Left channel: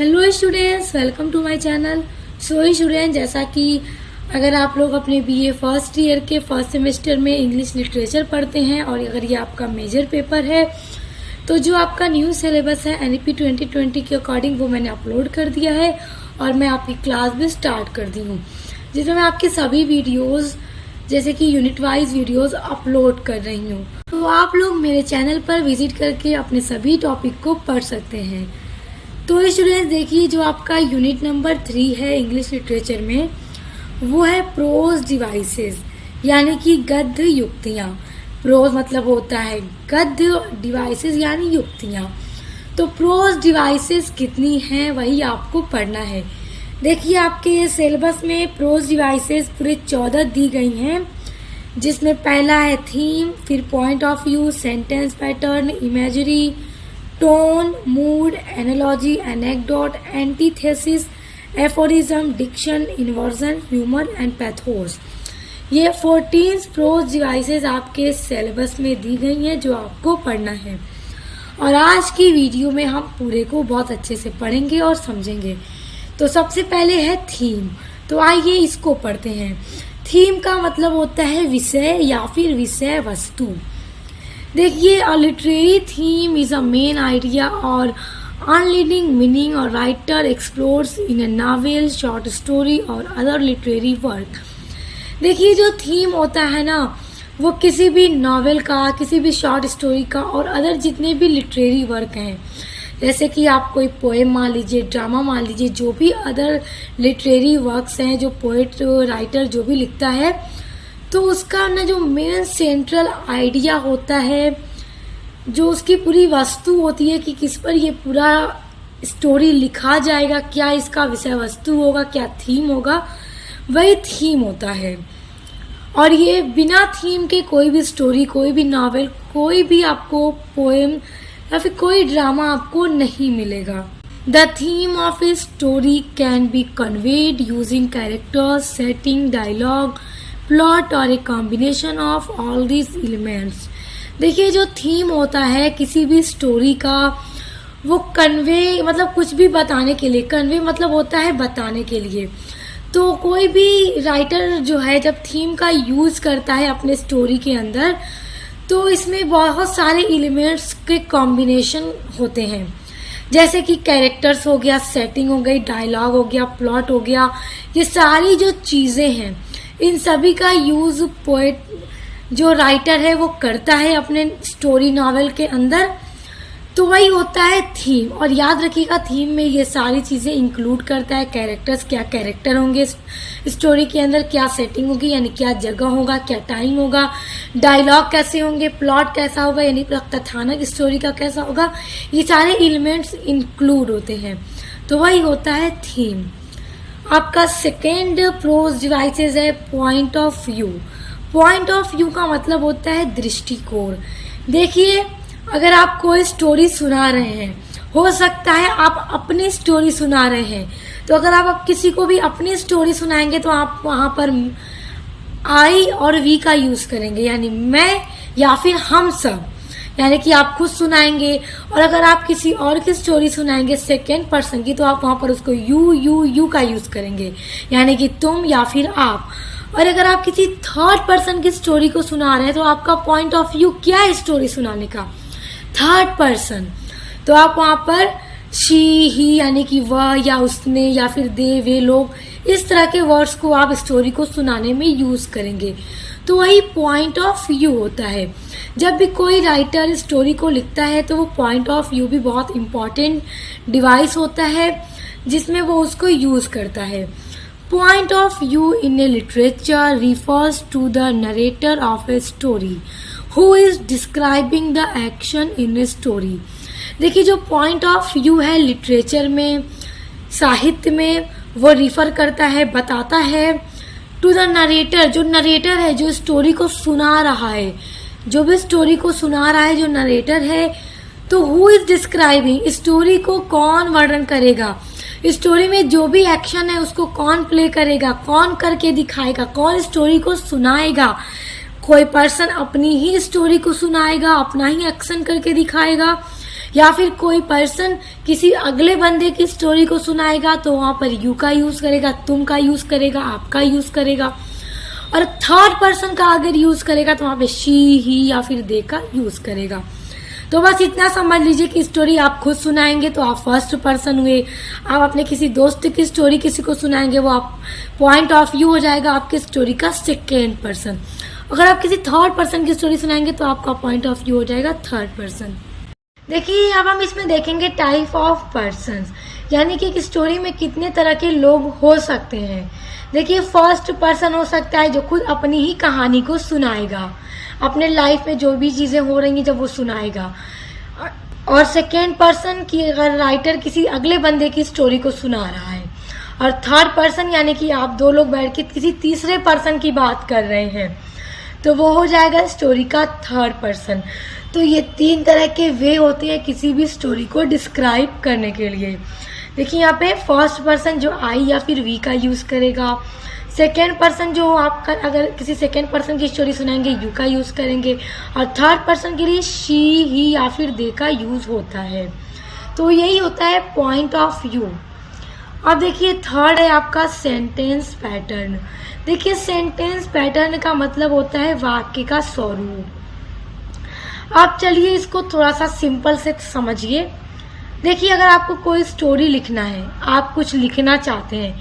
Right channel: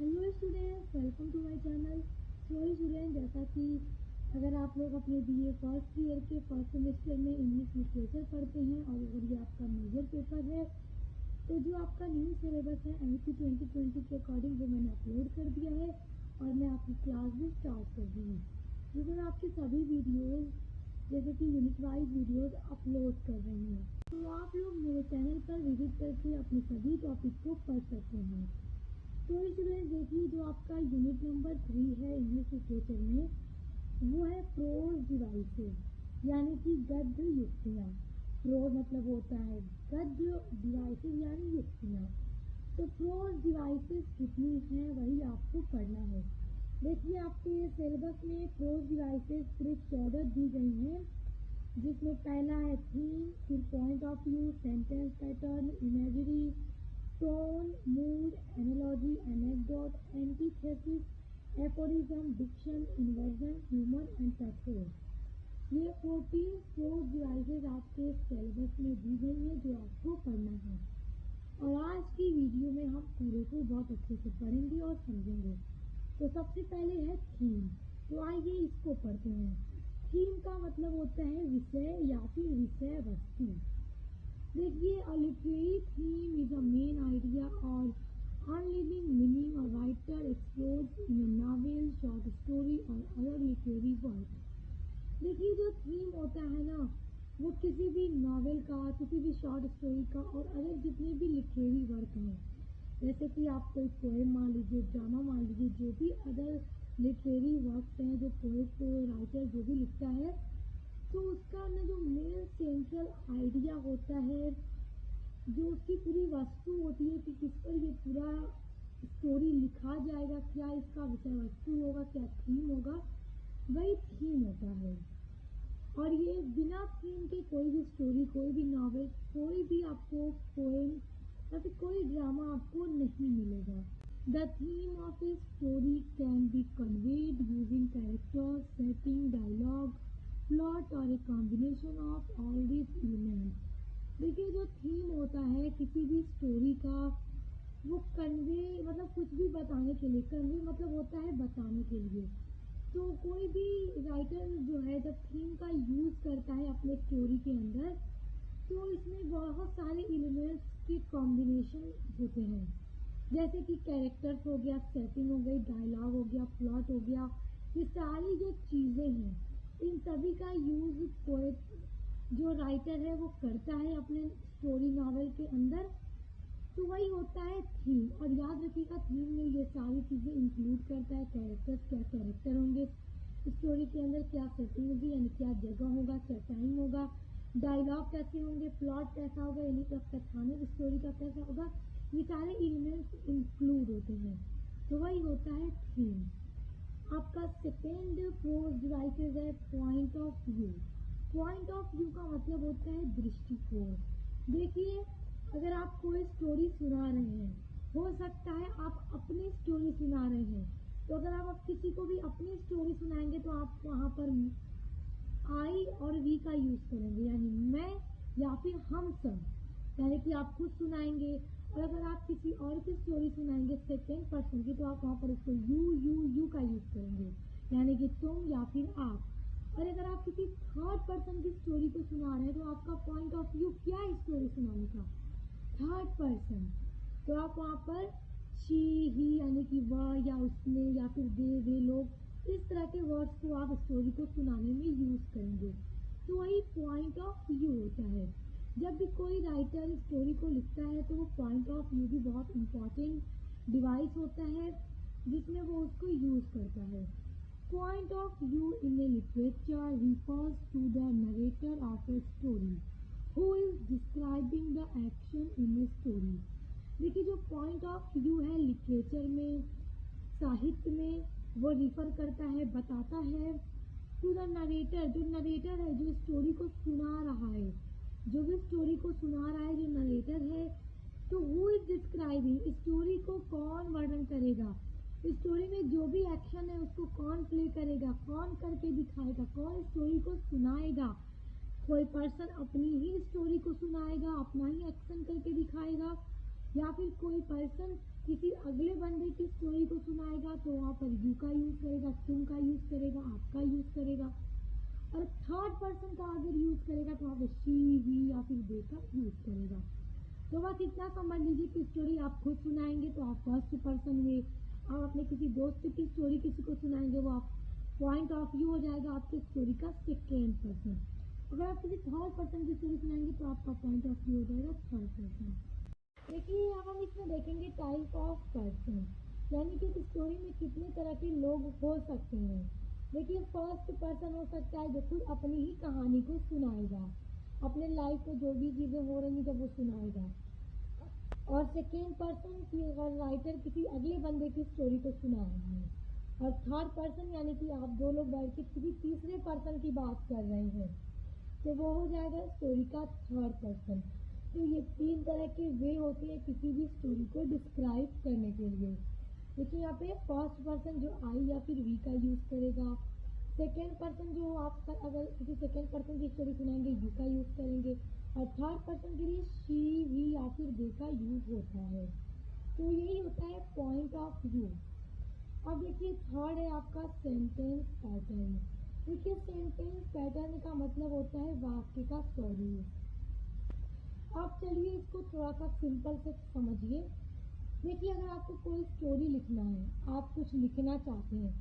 Hello students, welcome to my channel. So student, जैसा कि अगर आप लोग अपने बीए फर्स्ट ईयर के फर्स्ट सेमेस्टर में इंग्लिश लिटरेचर पढ़ते हैं और अगर ये आपका मेजर पेपर है तो जो आपका न्यू सिलेबस है एनईपी 2020 के अकॉर्डिंग वो मैंने अपलोड कर दिया है और मैं आपकी क्लास भी स्टार्ट कर दी हूँ, जिसमें मैं आपके सभी वीडियोज़ जैसे कि यूनिट वाइज वीडियोज़ अपलोड कर रही हूँ। तो आप लोग मेरे चैनल पर विजिट करके अपने सभी टॉपिक को पढ़ सकते हैं। तो स्टूडेंट्स देखिए, जो आपका यूनिट नंबर 3 है इंग्लिश लिटरेचर में वो है प्रोज डिवाइसेस, यानी कि गद्य युक्तियाँ। प्रोज मतलब होता है गद्य, डिवाइसेस यानी युक्तियाँ। तो प्रोज डिवाइसेस कितनी हैं वही आपको पढ़ना है। देखिए, आपके सिलेबस में प्रोज डिवाइसेस पूरे 14 दी गई हैं, जिसमें पहला है थीम, फिर point of view, sentence pattern, imagery, tone, mood, analogy, anecdote, antithesis, aphorism, diction, inversion, humour and pathos. ये 14 प्रोज डिवाइसेस आपके सिलेबस में दी गई हैं जो आपको पढ़ना है। और आज की वीडियो में हम पूरे को बहुत अच्छे से पढ़ेंगे और समझेंगे। तो सबसे पहले है थीम। तो आइए इसको पढ़ते हैं। थीम का मतलब होता है विषय या फिर विषय वस्तु। देखिए, a literary theme is a main idea और अनलीडिंग मीनिंग और राइटर एक्सप्लोर्स इन ए नॉवेल, शॉर्ट स्टोरी और अदर लिटरेरी वर्क। देखिए, जो थीम होता है ना, वो किसी भी नॉवेल का, किसी भी शॉर्ट स्टोरी का और अदर जितने भी लिटरेरी वर्क हैं, जैसे कि आप कोई पोएम मान लीजिए, ड्रामा मान लीजिए, जो भी अदर लिटरेरी वर्क्स हैं, जो पोएट राइटर जो भी लिखता है, तो उसका ना जो मेन सेंट्रल आइडिया होता है, जो उसकी पूरी वस्तु होती है कि किस पर ये पूरा स्टोरी लिखा जाएगा, क्या इसका विषय वस्तु होगा, क्या थीम होगा, वही थीम होता है। और ये बिना थीम के कोई भी स्टोरी, कोई भी नॉवेल, कोई भी आपको पोएम या फिर कोई ड्रामा आपको नहीं मिलेगा। The theme of a story can be conveyed using characters, setting, dialogue, plot और a combination of all these elements. देखिए, जो थीम होता है किसी भी स्टोरी का, वो कन्वे मतलब कुछ भी बताने के लिए, कन्वे मतलब होता है बताने के लिए। तो कोई भी राइटर जो है जब थीम का यूज़ करता है अपने स्टोरी के अंदर, तो इसमें बहुत सारे एलिमेंट्स के कॉम्बिनेशन होते हैं, जैसे कि कैरेक्टर्स हो गया, सेटिंग हो गई, डायलॉग हो गया, प्लॉट हो गया। ये सारी जो चीज़ें हैं, इन सभी का यूज़ पोएट जो राइटर है वो करता है अपने स्टोरी नॉवेल के अंदर। तो वही होता है थीम। और याद रखिएगा, थीम में ये सारी चीज़ें इंक्लूड करता है। कैरेक्टर्स, क्या कैरेक्टर होंगे स्टोरी के अंदर, क्या सेटिंग होगी यानी क्या जगह होगा, क्या टाइम होगा, डायलॉग कैसे होंगे, प्लॉट कैसा होगा यानी कथानक स्टोरी का कैसा होगा, ये सारे एलिमेंट्स इंक्लूड होते हैं। तो वही होता है थीम। आपका सेकेंड प्रोज डिवाइसेस है point of view. Point of view का मतलब होता है दृष्टिकोण। देखिए, अगर आप कोई स्टोरी सुना रहे हैं, हो सकता है आप अपनी स्टोरी सुना रहे हैं, तो अगर आप किसी को भी अपनी स्टोरी सुनाएंगे तो आप वहाँ पर आई और वी का यूज़ करेंगे, यानी मैं या फिर हम सब, यानी कि आप खुद सुनाएंगे। और अगर आप किसी और की स्टोरी सुनाएंगे सेकेंड पर्सन की, तो आप वहाँ पर उसको यू का यूज़ करेंगे, यानी कि तुम या फिर आप। और अगर आप किसी थर्ड पर्सन की स्टोरी को सुना रहे हैं, तो आपका पॉइंट ऑफ व्यू क्या है स्टोरी सुनाने का? Third person. तो आप वहाँ पर शी, ही यानी कि वह या उसने या फिर दे, वे लोग, इस तरह के वर्ड्स को आप स्टोरी को सुनाने में यूज़ करेंगे। तो वही पॉइंट ऑफ व्यू होता है। जब भी कोई राइटर स्टोरी को लिखता है तो वो पॉइंट ऑफ व्यू भी बहुत इम्पॉर्टेंट डिवाइस होता है, जिसमें वो उसको यूज़ करता है। Point of view in a literature refers to the narrator of a story who is describing the action in a story. देखिए, जो point of view है लिटरेचर में, साहित्य में, वो रिफर करता है, बताता है टू द नरेटर। जो नरेटर है, जो स्टोरी को सुना रहा है, जो भी स्टोरी को सुना रहा है, जो नरेटर है, तो हु इज डिस्क्राइबिंग, स्टोरी को कौन वर्णन करेगा, स्टोरी में जो भी एक्शन है उसको कौन प्ले करेगा, कौन करके दिखाएगा, कौन स्टोरी को सुनाएगा। कोई पर्सन अपनी ही स्टोरी को सुनाएगा, अपना ही एक्शन करके दिखाएगा, या फिर कोई पर्सन किसी अगले बंदे की स्टोरी को सुनाएगा तो वहां पर यू का यूज करेगा, तुम का यूज करेगा, आपका यूज करेगा। और थर्ड पर्सन का अगर यूज करेगा तो वहां पे शी, ही या फिर दे का यूज करेगा। तो बस इतना समझ लीजिए कि स्टोरी आप खुद सुनाएंगे तो आप फर्स्ट पर्सन हुए, आप अपने किसी दोस्त की स्टोरी किसी को सुनाएंगे वो आप पॉइंट ऑफ व्यू हो जाएगा आपके स्टोरी का सेकेंड पर्सन। अगर आप किसी थर्ड पर्सन की स्टोरी सुनाएंगे तो आपका पॉइंट ऑफ व्यू हो जाएगा थर्ड पर्सन। देखिए अब हम इसमें देखेंगे टाइप ऑफ पर्सन्स, यानी कि एक स्टोरी में कितने तरह के लोग हो सकते हैं। देखिए फर्स्ट पर्सन हो सकता है जो खुद अपनी ही कहानी को सुनाएगा, अपने लाइफ में जो भी चीजें हो रही हैं जब वो सुनाएगा। और सेकेंड पर्सन की अगर राइटर किसी अगले बंदे की स्टोरी को सुना रहा है। और थर्ड पर्सन यानी कि आप दो लोग बैठ के किसी तीसरे पर्सन की बात कर रहे हैं तो वो हो जाएगा स्टोरी का थर्ड पर्सन। तो ये तीन तरह के वे होते हैं किसी भी स्टोरी को डिस्क्राइब करने के लिए। देखिए यहाँ पे फर्स्ट पर्सन जो आई या फिर वी का यूज करेगा, सेकेंड पर्सन जो आपका अगर किसी सेकेंड पर्सन की स्टोरी सुनाएंगे यू का यूज करेंगे, और थर्ड पर्सन के लिए शी, ही या फिर दे का यूज होता है। तो यही होता है पॉइंट ऑफ व्यू। अब देखिए थर्ड है आपका सेंटेंस पैटर्न। देखिए सेंटेंस पैटर्न का मतलब होता है वाक्य का स्वरूप। आप चलिए इसको थोड़ा सा सिंपल से समझिए। देखिए अगर आपको कोई स्टोरी लिखना है, आप कुछ लिखना चाहते हैं,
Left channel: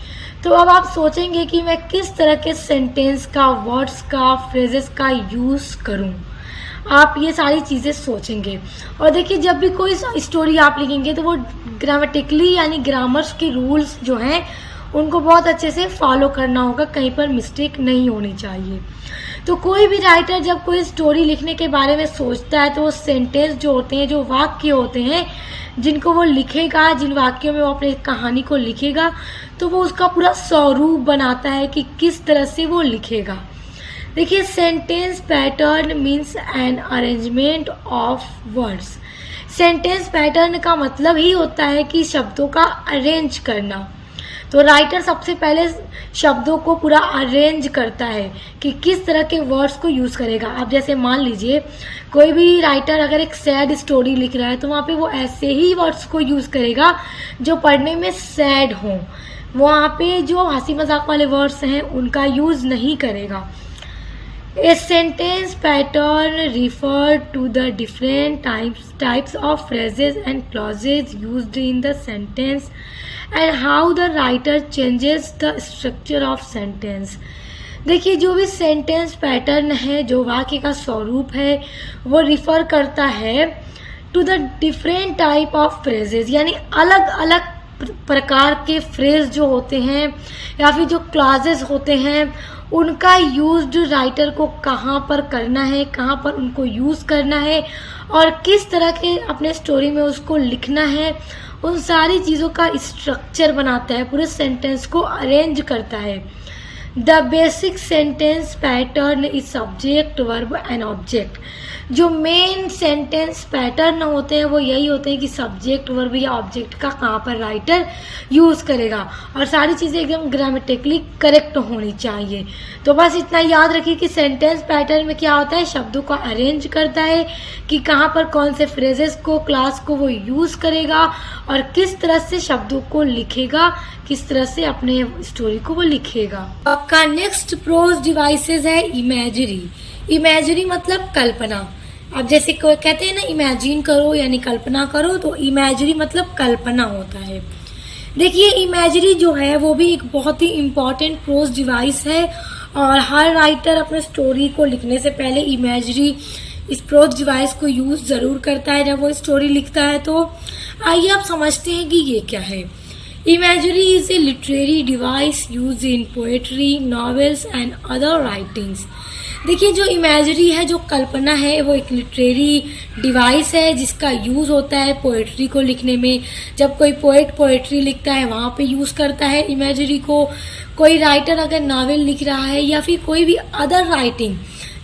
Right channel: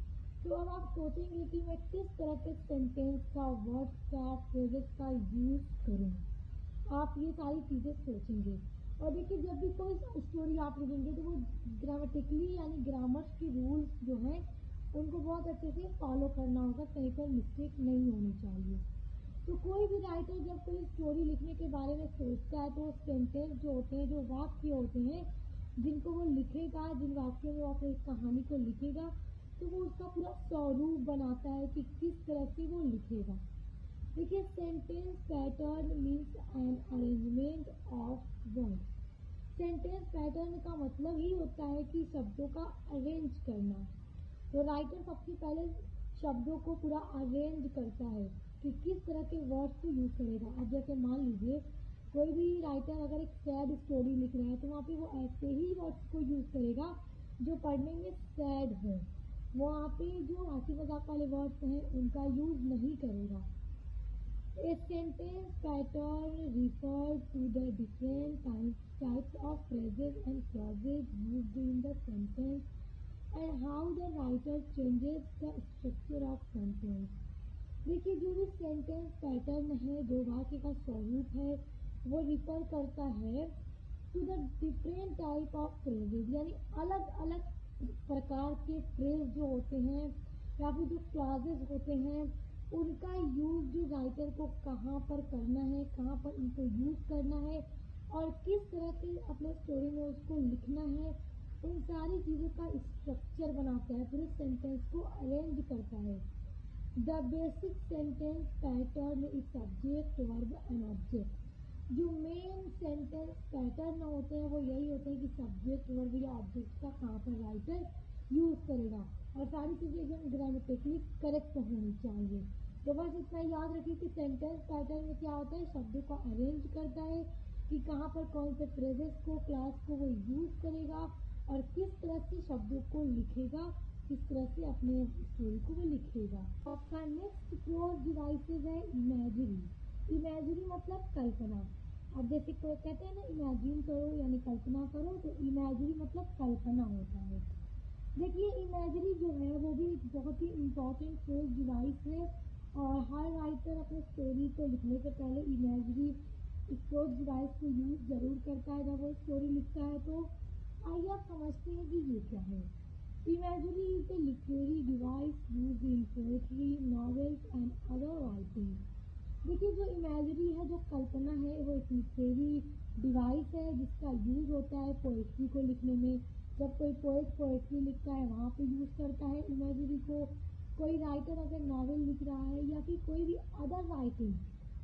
तो अब आप सोचेंगे कि मैं किस तरह के सेंटेंस का, वर्ड्स का, फ्रेजेस का यूज करूं। आप ये सारी चीजें सोचेंगे। और देखिए जब भी कोई स्टोरी आप लिखेंगे तो वो ग्रामेटिकली यानी ग्रामर्स के रूल्स जो हैं उनको बहुत अच्छे से फॉलो करना होगा, कहीं पर मिस्टेक नहीं होनी चाहिए। तो कोई भी राइटर जब कोई स्टोरी लिखने के बारे में सोचता है तो वो सेंटेंस जो होते हैं, जो वाक्य होते हैं जिनको वो लिखेगा, जिन वाक्यों में वो अपनी कहानी को लिखेगा, तो वो उसका पूरा स्वरूप बनाता है कि किस तरह से वो लिखेगा। देखिए sentence pattern means an arrangement of words. Sentence pattern का मतलब ही होता है कि शब्दों का अरेंज करना। तो राइटर सबसे पहले शब्दों को पूरा अरेंज करता है कि किस तरह के वर्ड्स को यूज करेगा। अब जैसे मान लीजिए कोई भी राइटर अगर एक सैड स्टोरी लिख रहा है तो वहाँ पे वो ऐसे ही वर्ड्स को यूज करेगा जो पढ़ने में सैड हों। वहाँ पे जो हंसी मजाक वाले वर्ड्स हैं उनका यूज नहीं करेगा। A sentence pattern refer to the different types of phrases and clauses used in the sentence and how the writer changes the structure of sentence. देखिए जो भी सेंटेंस पैटर्न है, जो वाक्य का स्वरूप है, वो रिफर करता है to the different type of phrases, यानी अलग अलग प्रकार के फ्रेज जो होते हैं या फिर जो क्लॉजेस होते हैं उनका यूज राइटर को कहाँ पर करना है, कहाँ पर उनको यूज करना है और किस तरह के अपने स्टोरी में उसको लिखना है, उन सारी चीज़ों का स्ट्रक्चर बनाता है, पूरे सेंटेंस को अरेंज करता है। The basic sentence pattern is subject, verb and object. जो मेन सेंटेंस पैटर्न होते हैं वो यही होते हैं कि सब्जेक्ट, वर्ब या ऑब्जेक्ट का कहाँ पर राइटर यूज करेगा और सारी चीज़ें एकदम ग्रामेटिकली करेक्ट होनी चाहिए। तो बस इतना याद रखिए कि सेंटेंस पैटर्न में क्या होता है, शब्दों को अरेंज करता है कि कहाँ पर कौन से फ्रेजेस को, क्लास को वो यूज करेगा और किस तरह से शब्दों को लिखेगा, किस तरह से अपने स्टोरी को वो लिखेगा। आपका नेक्स्ट प्रोज डिवाइसेस है इमेजरी। इमेजरी मतलब कल्पना। अब जैसे कोई कहते हैं ना इमेजिन करो यानी कल्पना करो, तो इमेजरी मतलब कल्पना होता है। देखिए इमेजरी जो है वो भी एक बहुत ही इम्पॉर्टेंट प्रोज डिवाइस है और हर राइटर अपने स्टोरी को लिखने से पहले इमेजरी, इस प्रोज डिवाइस को यूज जरूर करता है जब वो स्टोरी लिखता है। तो आइए आप समझते हैं कि ये क्या है। Imagery is a literary device use in poetry, novels and other writings. देखिए जो इमेजरी है, जो कल्पना है, वो एक लिटरेरी डिवाइस है जिसका यूज होता है पोएट्री को लिखने में। जब कोई पोएट पोएट्री लिखता है वहाँ पे यूज करता है इमेजरी को। कोई राइटर अगर नॉवेल लिख रहा है या फिर कोई भी अदर राइटिंग,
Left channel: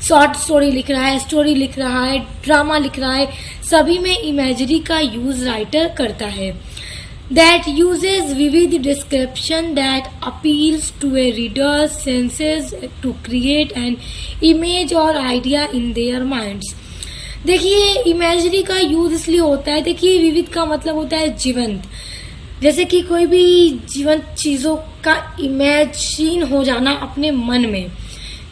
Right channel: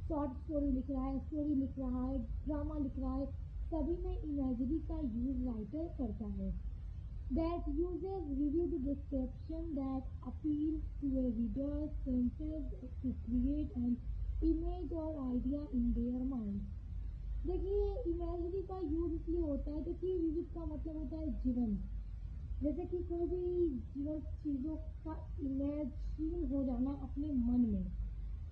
शॉर्ट स्टोरी लिख रहा है, स्टोरी लिख रहा है, ड्रामा लिख रहा है, सभी में इमेजरी का यूज राइटर करता है। That uses vivid description that appeals to a reader's senses to create an image or idea in their minds. देखिए इमेजरी का यूज इसलिए होता है, देखिए विविध का मतलब होता है जीवंत, जैसे कि कोई भी जीवंत चीजों का इमेजिन हो जाना अपने मन में।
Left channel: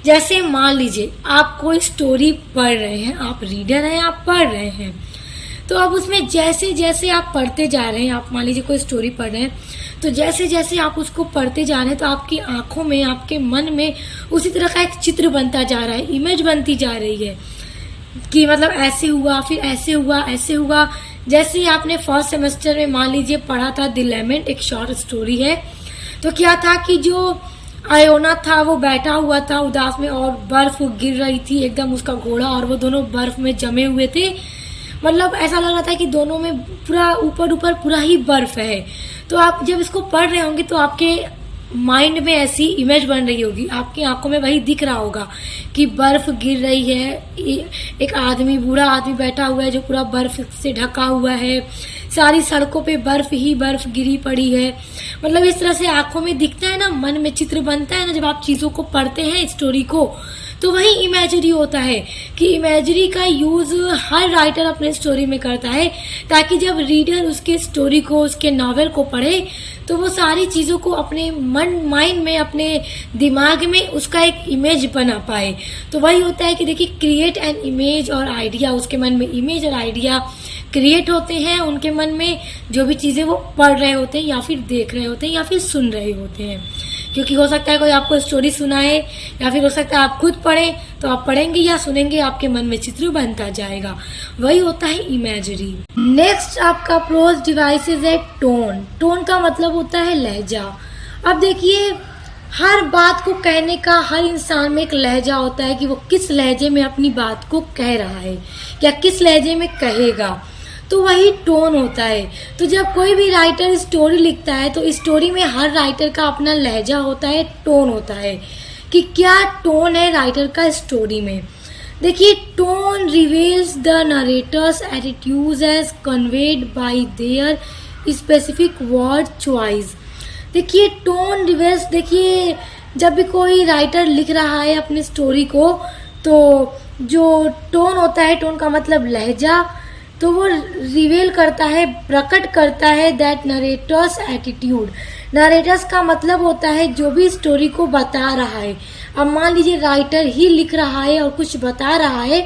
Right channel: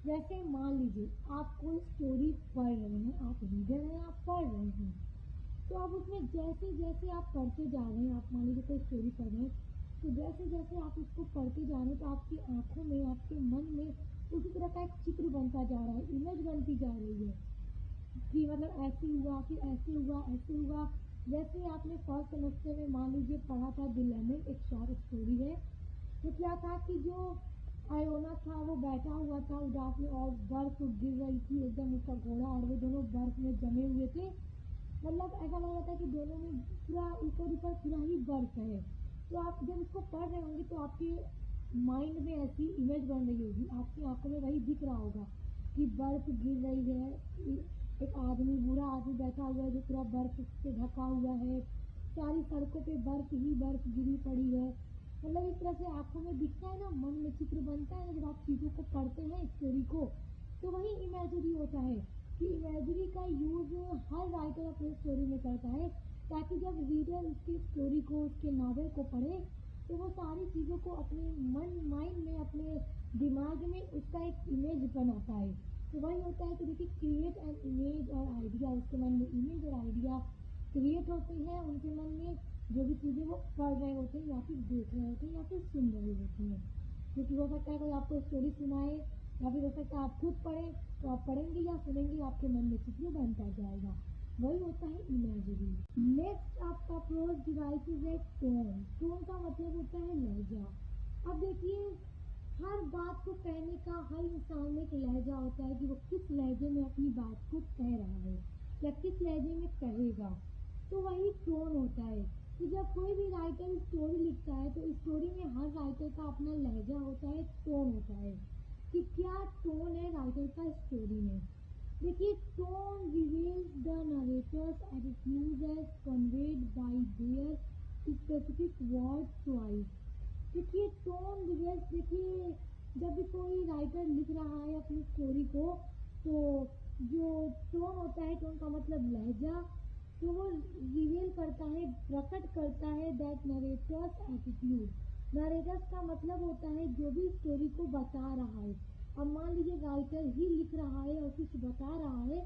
जैसे मान लीजिए आप कोई स्टोरी पढ़ रहे हैं, आप रीडर हैं, आप पढ़ रहे हैं, तो अब उसमें जैसे जैसे आप पढ़ते जा रहे हैं, आप मान लीजिए कोई स्टोरी पढ़ रहे हैं, तो जैसे जैसे आप उसको पढ़ते जा रहे हैं तो आपकी आंखों में, आपके मन में उसी तरह का एक चित्र बनता जा रहा है, इमेज बनती जा रही है कि मतलब ऐसे हुआ, फिर ऐसे हुआ, ऐसे हुआ। जैसे ही आपने फर्स्ट सेमेस्टर में मान लीजिए पढ़ा था द लेमेंट, एक शॉर्ट स्टोरी है, तो क्या था कि जो आयोना था वो बैठा हुआ था उदास में और बर्फ गिर रही थी एकदम, उसका घोड़ा और वो दोनों बर्फ में जमे हुए थे। मतलब ऐसा लग रहा था कि दोनों में पूरा ऊपर ऊपर पूरा ही बर्फ है। तो आप जब इसको पढ़ रहे होंगे तो आपके माइंड में ऐसी इमेज बन रही होगी, आपकी आंखों में वही दिख रहा होगा कि बर्फ गिर रही है, एक आदमी, बूढ़ा आदमी बैठा हुआ है जो पूरा बर्फ से ढका हुआ है, सारी सड़कों पे बर्फ ही बर्फ गिरी पड़ी है। मतलब इस तरह से आंखों में दिखता है ना, मन में चित्र बनता है ना जब आप चीजों को पढ़ते हैं, स्टोरी को, तो वही इमेजरी होता है कि इमेजरी का यूज हर राइटर अपने स्टोरी में करता है ताकि जब रीडर उसके स्टोरी को, उसके नॉवेल को पढ़े तो वो सारी चीजों को अपने माइंड में, अपने दिमाग में उसका एक इमेज बना पाए। तो वही होता है कि देखिए क्रिएट एन इमेज और आइडिया, उसके मन में इमेज और आइडिया क्रिएट होते हैं, उनके मन में जो भी चीजें वो पढ़ रहे होते हैं या फिर देख रहे होते हैं या फिर सुन रहे होते हैं। क्योंकि हो सकता है कोई आपको स्टोरी सुनाए या फिर हो सकता है आप खुद पढ़ें, तो आप पढ़ेंगे या सुनेंगे आपके मन में चित्र बनता जाएगा, वही होता है इमेजरी। नेक्स्ट आपका प्रोज डिवाइसेस है टोन। टोन का मतलब होता है लहजा। अब देखिए हर बात को कहने का हर इंसान में एक लहजा होता है कि वो किस लहजे में अपनी बात को कह रहा है या किस लहजे में कहेगा, तो वही टोन होता है। तो जब कोई भी राइटर स्टोरी लिखता है तो स्टोरी में हर राइटर का अपना लहजा होता है, टोन होता है कि क्या टोन है राइटर का स्टोरी में। देखिए tone reveals the narrator's attitudes as conveyed by their specific word choice. देखिए टोन रिवील्स, देखिए जब भी कोई राइटर लिख रहा है अपनी स्टोरी को तो जो टोन होता है, टोन का मतलब लहजा, तो वो रिवील करता है, प्रकट करता है दैट नरेटर्स एटीट्यूड। नरेटर्स का मतलब होता है जो भी स्टोरी को बता रहा है। अब मान लीजिए राइटर ही लिख रहा है और कुछ बता रहा है,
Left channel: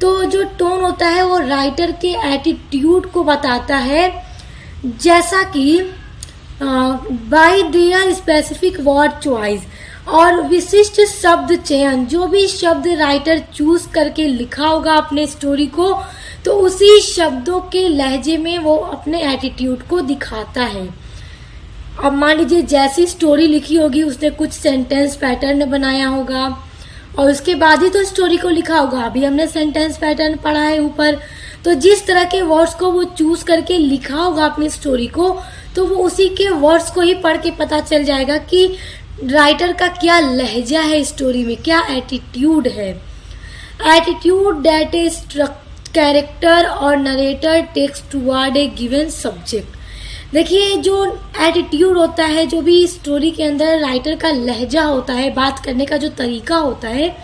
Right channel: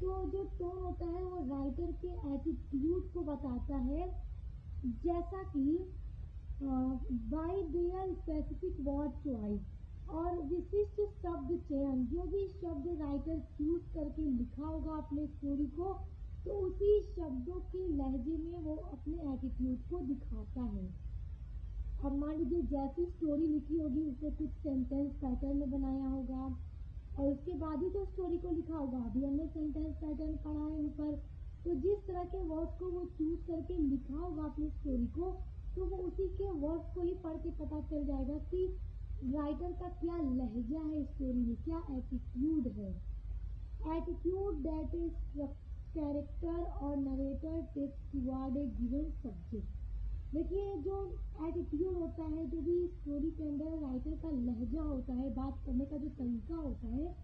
तो जो टोन होता है वो राइटर के एटीट्यूड को बताता है, जैसा कि bye their specific word choice, और विशिष्ट शब्द चयन, जो भी शब्द राइटर चूज करके लिखा होगा अपने स्टोरी को, तो उसी शब्दों के लहजे में वो अपने एटीट्यूड को दिखाता है। अब मान लीजिए जैसी स्टोरी लिखी होगी उसने कुछ सेंटेंस पैटर्न बनाया होगा और उसके बाद ही तो स्टोरी को लिखा होगा। अभी हमने सेंटेंस पैटर्न पढ़ा है ऊपर, तो जिस तरह के वर्ड्स को वो चूज करके लिखा होगा अपनी स्टोरी को, तो वो उसी के वर्ड्स को ही पढ़ के पता चल जाएगा कि राइटर का क्या लहजा है स्टोरी में, क्या एटीट्यूड है। एटीट्यूड दैट इज कैरेक्टर और नरेटर टेक्स टुवर्ड ए गिवन सब्जेक्ट। देखिए जो एटीट्यूड होता है, जो भी स्टोरी के अंदर राइटर का लहजा होता है, बात करने का जो तरीका होता है,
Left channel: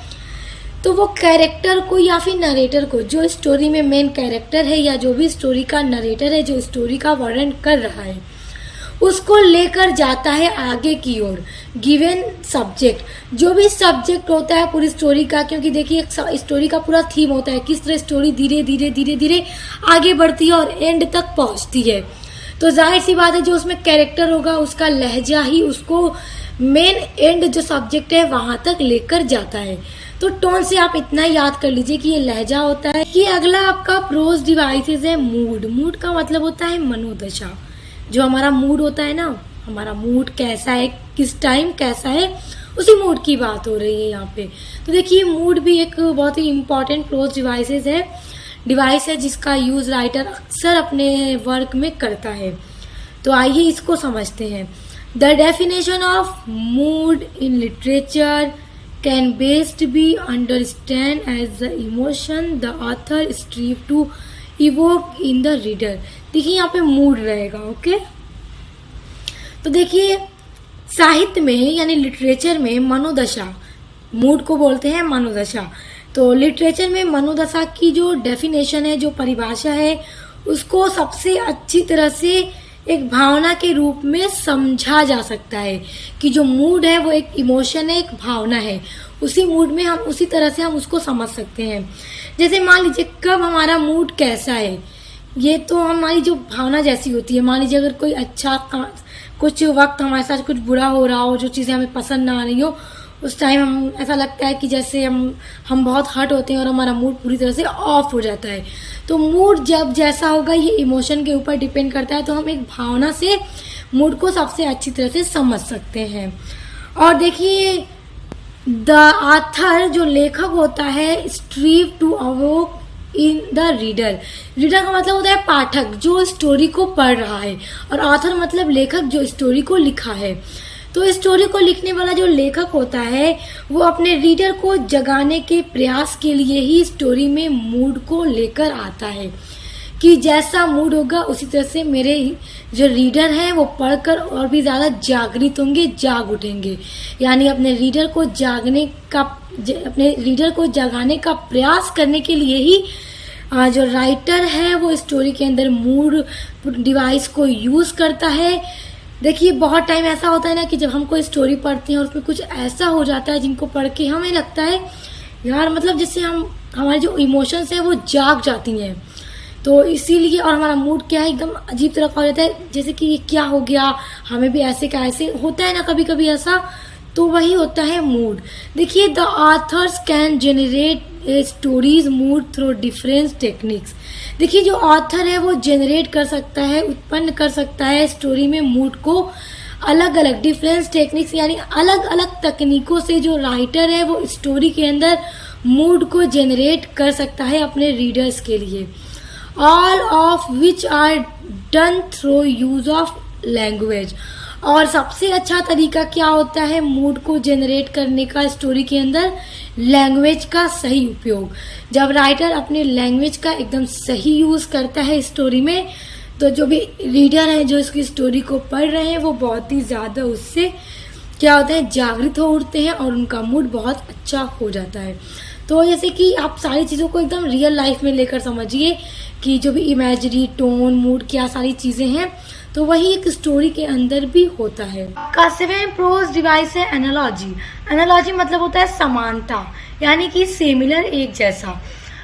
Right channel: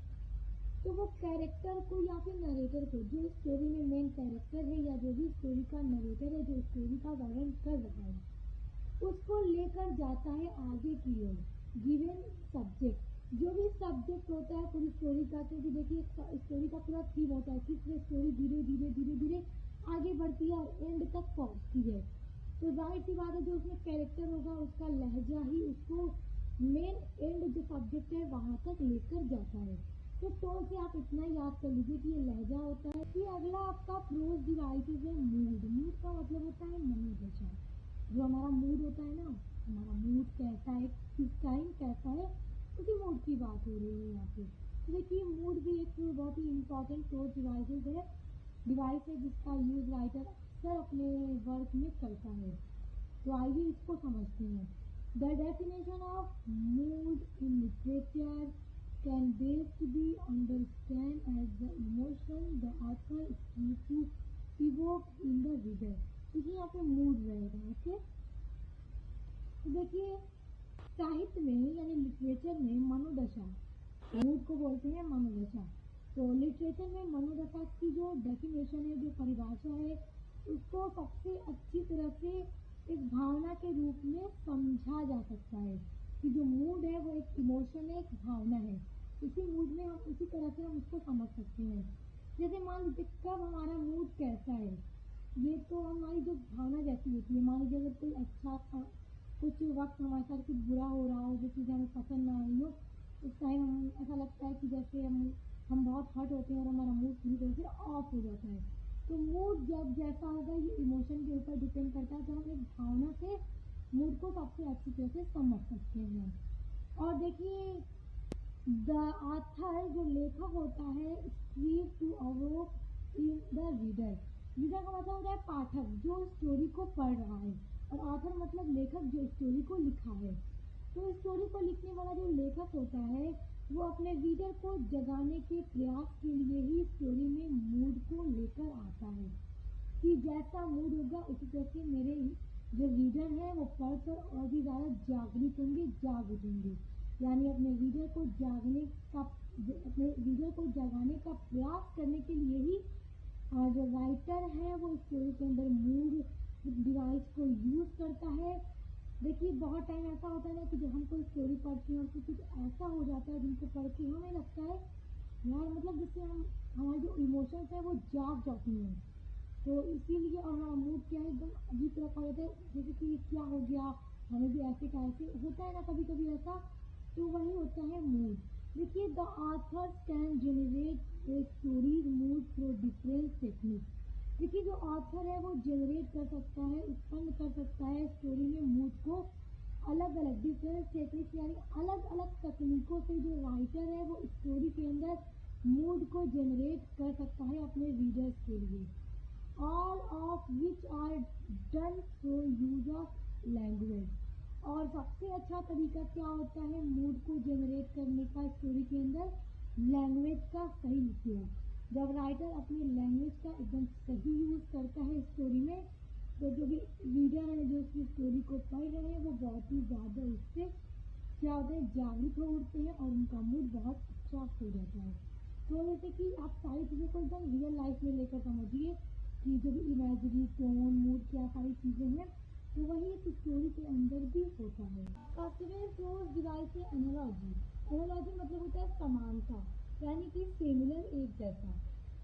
तो वो कैरेक्टर को या फिर नरेटर को, जो स्टोरी में मेन कैरेक्टर है या जो भी स्टोरी का नरेटर है जो स्टोरी का वर्णन कर रहा है, उसको लेकर जाता है आगे की ओर गिवन सब्जेक्ट। जो भी सब्जेक्ट होता है पूरी स्टोरी का, क्योंकि देखिए एक स्टोरी का पूरा थीम होता है, किस तरह स्टोरी धीरे धीरे धीरे धीरे आगे बढ़ती है और एंड तक पहुंचती है। तो जाहिर सी बात है जो उसमें कैरेक्टर होगा उसका लहजा ही उसको मेन एंड जो सब्जेक्ट है वहां तक लेकर जाता है। तो टोन से आप इतना याद कर लीजिए कि ये लहजा होता है। कि अगला आपका प्रोज डिवाइसेस है मूड। मूड का मतलब होता है मनोदशा। जो हमारा मूड होता है ना, हमारा मूड कैसा है, किस टाइम कैसा है, उसी मूड की बात हो रही है यहाँ पे। तो देखिए मूड भी एक बहुत ही इम्पोर्टेंट प्रोज डिवाइस है जिसका यूज राइटर अक्सर अपने वर्क में करता है। तो आइए इसको समझते हैं। The definition of mood in literature can best be understand as the emotion the author strive to evoke in the reader. देखिए यहाँ पे मूड रहेगा, ओके। तो देखिए साहित्य में यानी लिटरेचर में मनोदशा, मूड को बोलते हैं मनोदशा, तो लिटरेचर में मनोदशा की जो डेफिनेशन है, जो परिभाषा है, उसको सबसे अच्छी तरह से एक भावना के रूप में समझा जा सकता है कि जो मूड है वो एक इमोशन है, एक भावना है। उसी मूड में हम उसी तरह से हम उसको समझ सकते हैं। जैसे मान लीजिए कब हमारा मूड कैसा है, ये तो हमारी जो भावना जैसी होती है। मान लीजिए अगर कोई कुछ वक्त हमारे साथ कुछ बुरा हो रहा हो, जो चीज़ें हमें पसंद ना आ रही हो, उस टाइम हम ऐसा लगता है कि जैसे हम बहुत हर्ट होते हैं और हमारा मूड पूरी तरह से ऑफ हो जाता है। तो मूड जब जैसा होगा ये इमोशन के ऊपर डिपेंड करता है। तो हम एक भावना से मूड को सबसे अच्छी तरह से समझ सकते हैं। और देखिए द ऑथर जो लेखक होता है strive to evoke in the reader. Reader का मतलब होता है पाठक जो स्टोरी को पढ़ रहा है, और ऑथर मतलब लेखक जो स्टोरी को लिखा है। तो स्टोरी को लिखने वाला जो लेखक होता है वो अपने रीडर को जगाने के प्रयास के लिए ही स्टोरी में मूड को लेकर आता है कि जैसा मूड होगा उसी तरह से मेरे जो रीडर हैं वो पढ़कर और भी ज़्यादा जागृत होंगे, जाग उठेंगे। यानी अपने रीडर को जगाने का प्रयास करने के लिए ही जो राइटर है वो स्टोरी के अंदर मूड डिवाइस को यूज़ करता है। देखिए बहुत टाइम ऐसा होता है ना कि जब हम कोई स्टोरी पढ़ते हैं और उसमें कुछ ऐसा हो जाता है जिनको पढ़ के हमें लगता है यार मतलब जैसे हमारे जो इमोशंस हैं वो जाग जाती हैं। तो इसीलिए और हमारा मूड क्या है एकदम अजीब तरह का हो जाता है, जैसे कि ये क्या हो गया, हमें भी ऐसे का ऐसे होता है ना कभी कभी ऐसा। तो वही होता है मूड। देखिए the author's can generate stories mood through different techniques. देखिए जो ऑथर है वो जनरेट कर सकता है, उत्पन्न कर सकता है स्टोरी में मूड को अलग अलग डिफरेंट टेक्निक्स यानी अलग अलग तकनीकों से। जो राइटर है वो स्टोरी के अंदर मूड को जनरेट कर सकता है अपने रीडर्स के लिए, all of which are done through use of language. और सबसे अच्छा तरीका क्या होता है मूड को जनरेट करने का स्टोरी के अंदर? लैंग्वेज का सही उपयोग। जब राइटर अपने लैंग्वेज का एकदम सही यूज करता है स्टोरी में, तो जो भी रीडर है जो इसकी स्टोरी को पढ़ रहे हैं वो बहुत ही ज्यादा उससे क्या होता है जागृत हो उठते हैं और उनका मूड बहुत अच्छा हो जाता है। तो जैसे कि आप सारी चीज़ों को एकदम रियल लाइफ में लेकर समझिए कि जो भी इमेजरी, टोन, मूड, क्या सारी चीज़ें हैं, तो वही एक स्टोरी के अंदर भी होता है। का सेवेंथ प्रोज डिवाइस है एनालॉजी। एनालॉजी मतलब होता है समानता, यानी कि सिमिलर, एक जैसा।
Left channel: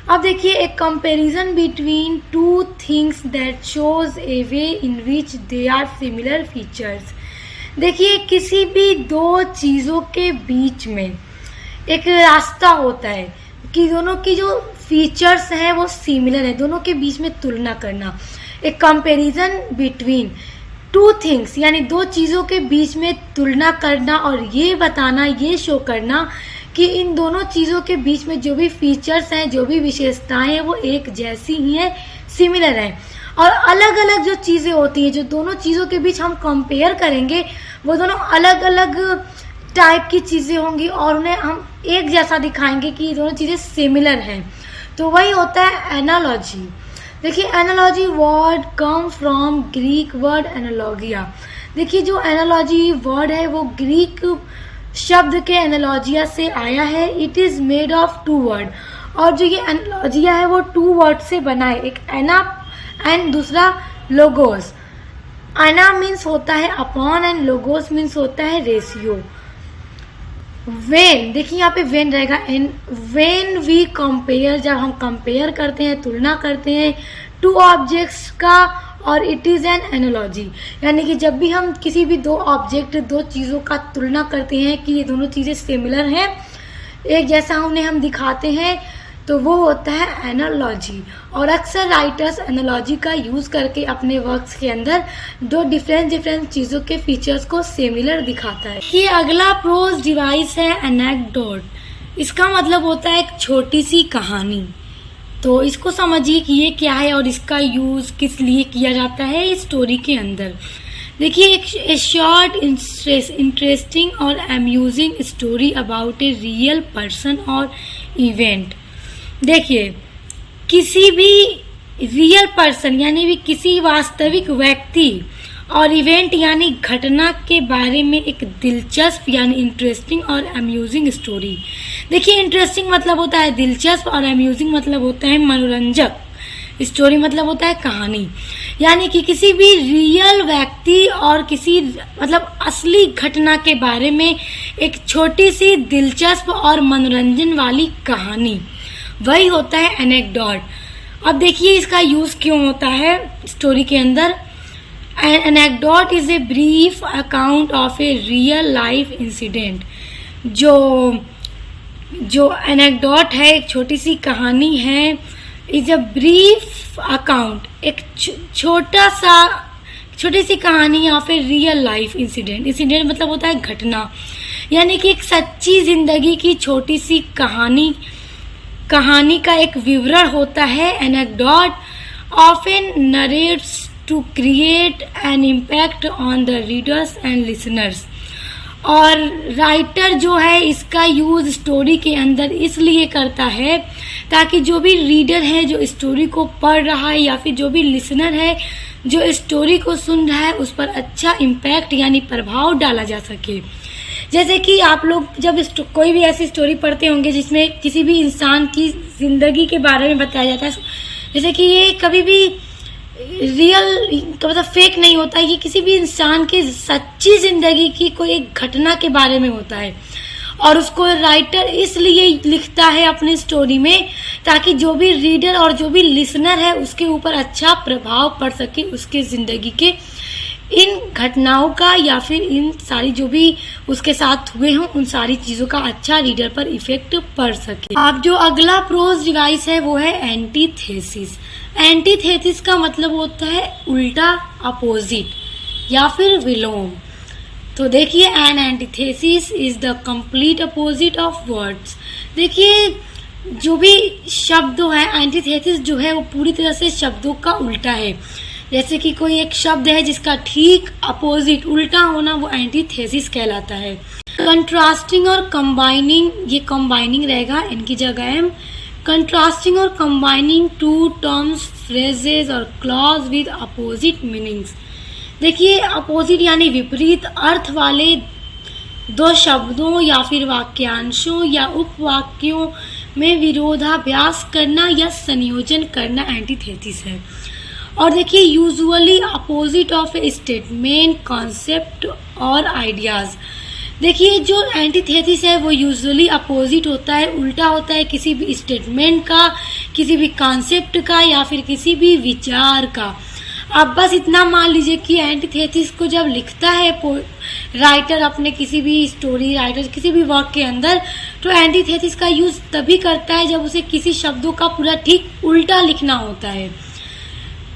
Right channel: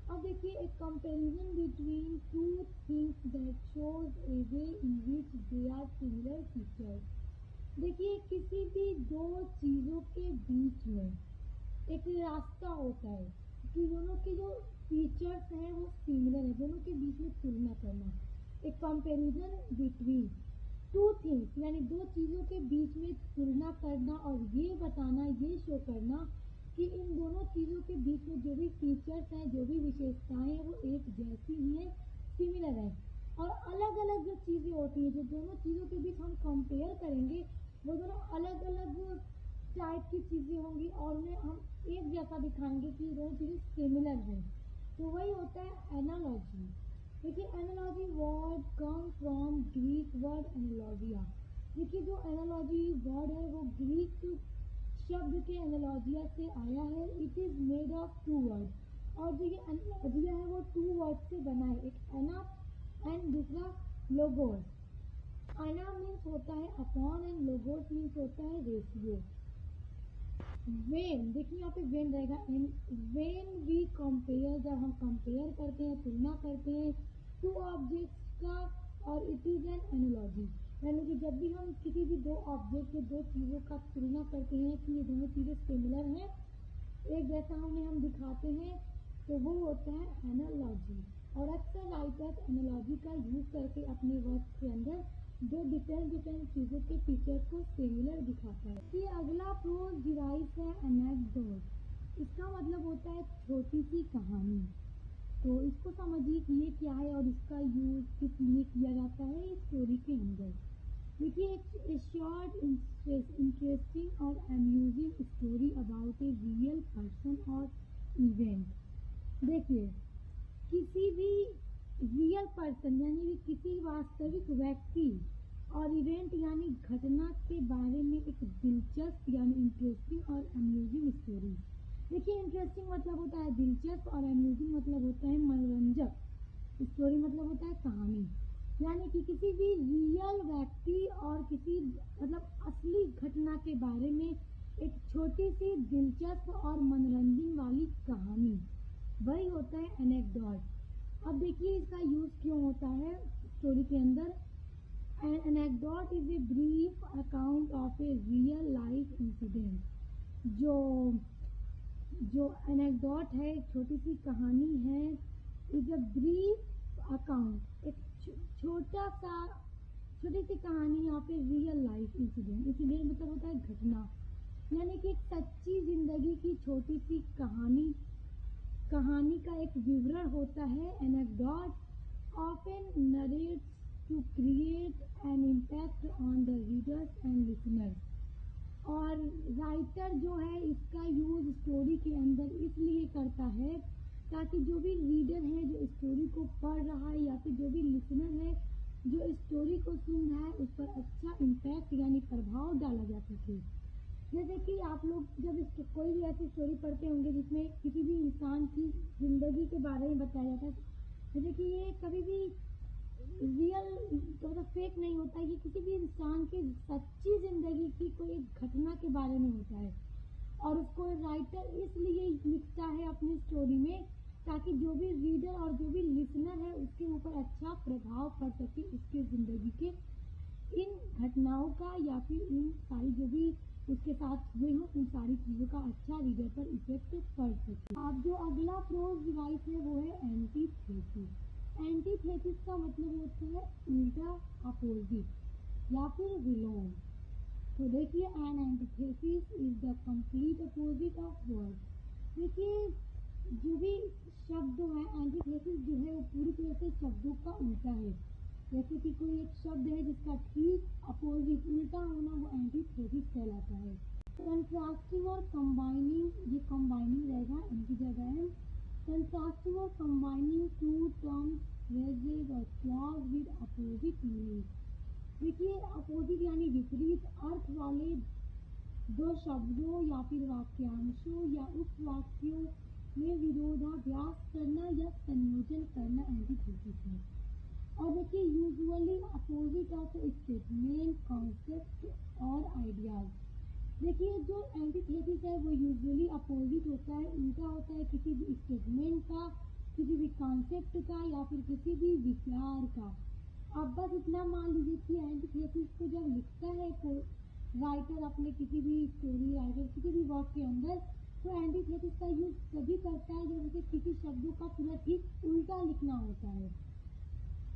अब देखिए एक comparison between two things that shows a way in which they are similar features. देखिए किसी भी दो चीज़ों के बीच में एक रास्ता होता है कि दोनों की जो फीचर्स हैं वो सिमिलर है, दोनों के बीच में तुलना करना। एक कंपैरिजन बिटवीन टू थिंग्स यानी दो चीज़ों के बीच में तुलना करना और ये बताना, ये शो करना कि इन दोनों चीज़ों के बीच में जो भी फीचर्स हैं, जो भी विशेषताएं हैं वो एक जैसी ही हैं, सिमिलर हैं। और अलग अलग जो चीज़ें होती हैं, जो दोनों चीज़ों के बीच हम कंपेयर करेंगे, वो दोनों अलग अलग टाइप की चीज़ें होंगी और उन्हें हम एक जैसा दिखाएंगे कि ये दोनों चीज़ें सिमिलर हैं। तो वही होता है एनालॉजी। देखिए analogy word come from Greek word analogia. देखिए जो एनालॉजी वर्ड है वो ग्रीक शब्द के एनालॉजिया से आया है। It is made of two word, और जो ये एनालॉजिया है वो टू वर्ड से बना है, एक एना एंड दूसरा लोगोस। एना मीन्स होता है अपॉन एंड लोगोस मीन्स होता है रेशियो। वेन, देखिए यहाँ पे वेन रहेगा, एंड वेन वी कंपेयर, जब हम कंपेयर करते हैं, तुलना करते हैं टू ऑब्जेक्ट्स का, और इट इज़ एन एनालॉजी। यानी कि जब भी हम किसी भी दो ऑब्जेक्ट, दो चीज़ों का तुलना करते हैं कि ये दोनों चीज़ें सिमिलर हैं, एक जैसा उन्हें हम दिखाते हैं, तो वो होता है एनालॉजी। और अक्सर राइटर्स एनालॉजी का यूज़ करके अपने वर्क्स के अंदर दो डिफरेंट चीज़ों के फीचर्स को सिमिलर दिखाता है। कि अगला प्रोज डिवाइस है एनेक्डोट। इसका मतलब होता है एक छोटी सी कहानी। तो इसको समझिए कि ये क्या है और इसका यूज़ किस लिए किया जाता है इस स्टोरी के अंदर। देखिए एक शॉर्ट इंटरेस्टिंग और amusing story about a real person और इवेंट। देखिए किसी भी रियल पर्सन यानी भी किसी वास्तविक व्यक्ति और इवेंट यानी घटना के बारे में एक दिलचस्प यानी इंटरेस्टिंग और अम्यूजिंग स्टोरी। देखिए इंटरेस्टिंग मतलब होता है दिलचस्प और अम्यूजिंग मतलब होता है मनोरंजक। स्टोरी मतलब होता है कहानी, यानी कि किसी भी रियल व्यक्ति और किसी मतलब असली घटना के बारे में एक छोटी सी दिलचस्प और मनोरंजन वाली कहानी, वही होता है एनेक्डोट। अब देखिए इसका यूज़ क्यों होता है स्टोरी के अंदर। An anecdote is a brief account of a real life incident। जो एनेक्डोट है एक छोटी सी कहानी है, इज अ ब्रीफ अकाउंट, एक छोटी सी कहानी of a real life incident. Incident मतलब होता है घटना, यानी कि एक सच्ची जिंदगी की छोटी सी कहानी का एक विवरण होता है। Anecdote often narrates to create an impact on the readers and listeners। और राइटर जो है इसका यूज़ स्टोरी के अंदर इसलिए करता है ताकि जो भी रीडर है जो स्टोरी को पढ़ रहा है या फिर जो भी लिसनर है जो स्टोरी को सुन रहा है उस पर अच्छा इम्पैक्ट यानी प्रभाव डाला जा सके। जैसे कि आप लोग जब कोई भी ऐसी स्टोरी पढ़ते होंगे जिसमें किसी भी इंसान की ज़िंदगी के बारे में बताया जाता है, जैसे कि ये कभी भी रियल मतलब फेक नहीं होता है, ये किसी भी इंसान की सच्ची जिंदगी की कोई एक घटना के बारे में होता है और उसको राइटर इसलिए लिखता है अपनी स्टोरी में ताकि जो भी रीडर और जो भी लिसनर है उसके ऊपर अच्छा प्रभाव पड़ सके, उसके ज़िंदगी के इन घटनाओं का या फिर इन सारी जो भी उसके साथ हुए हों उन सारी चीज़ों का अच्छा रीडर पर इफेक्ट पड़ सके। अब जो अगला प्रोज डिवाइस है वो है एंटीथेसिस। एंटीथेसिस का मतलब होता है उल्टा, अपोजिट या फिर विलोम। तो देखिए an antithesis is the complete opposite of words. देखिए जो भी शब्द है एंटीथेसिस जो है वो पूरी तरह से शब्दों का उल्टा है। जैसे कि कोई एक शब्द है जिसका ठीक अपोजिट उल्टा होना वो एंटीथेसिस कहलाता है। कंट्रास्टिंग और कंबाइनिंग, ये कंबाइनिंग रहेगा इनकी जगह है। कंट्रास्टिंग और कंबाइनिंग टू टर्म्स, फ्रेजेस और क्लॉज विद अपोजिट मीनिंग्स। देखिए अपोजिट यानी विपरीत अर्थ वाले दो शब्दों या फिर वाक्यांशों या उपवाक्यों में विरोधाभास करना या संयोजन करना एंटीथेसिस है। और देखिए usually opposite of A statement, concept और आइडियाज़। देखिए जो एंटीथेसिस है वो यूजुअली अपोजिट होता है, उल्टा होता है किसी भी स्टेटमेंट का, किसी भी कॉन्सेप्ट का या फिर किसी भी विचार का। आप बस इतना मान लीजिए कि एंटीथेसिस को जब लिखता है राइटर अपने किसी भी स्टोरी राइटर किसी भी वर्क के अंदर, तो एंटीथेसिस का यूज़ तभी करता है जब उसे किसी शब्दों का पूरा ठीक उल्टा लिखना होता है।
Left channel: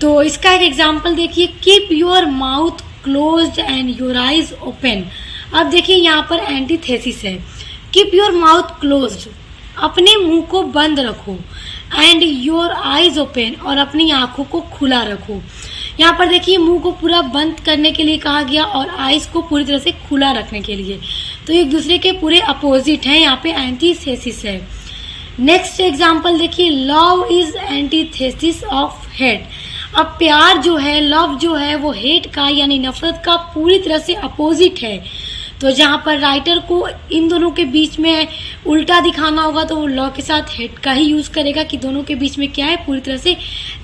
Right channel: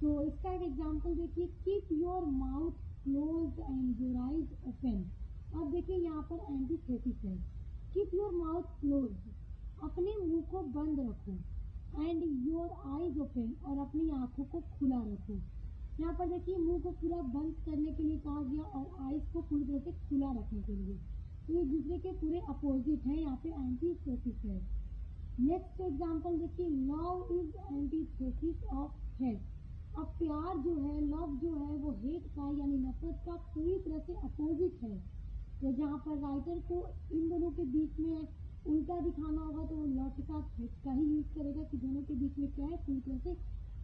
तो इसका एक एग्जाम्पल देखिए, keep your mouth closed end your eyes open. अब देखिए यहाँ पर एंटीथेसिस है, कीप योर माउथ क्लोज्ड, अपने मुंह को बंद रखो, एंड योर आइज ओपन, और अपनी आंखों को खुला रखो। यहाँ पर देखिए मुंह को पूरा बंद करने के लिए कहा गया और आइज को पूरी तरह से खुला रखने के लिए, तो एक दूसरे के पूरे अपोजिट हैं, यहाँ पे एंटीथेसिस है। नेक्स्ट एग्जाम्पल देखिए, love is antithesis of hate. अब प्यार जो है, लव जो है वो हेट का यानी नफरत का पूरी तरह से अपोजिट है। तो जहाँ पर राइटर को इन दोनों के बीच में उल्टा दिखाना होगा तो वो लव के साथ हेट का ही यूज़ करेगा कि दोनों के बीच में क्या है, पूरी तरह से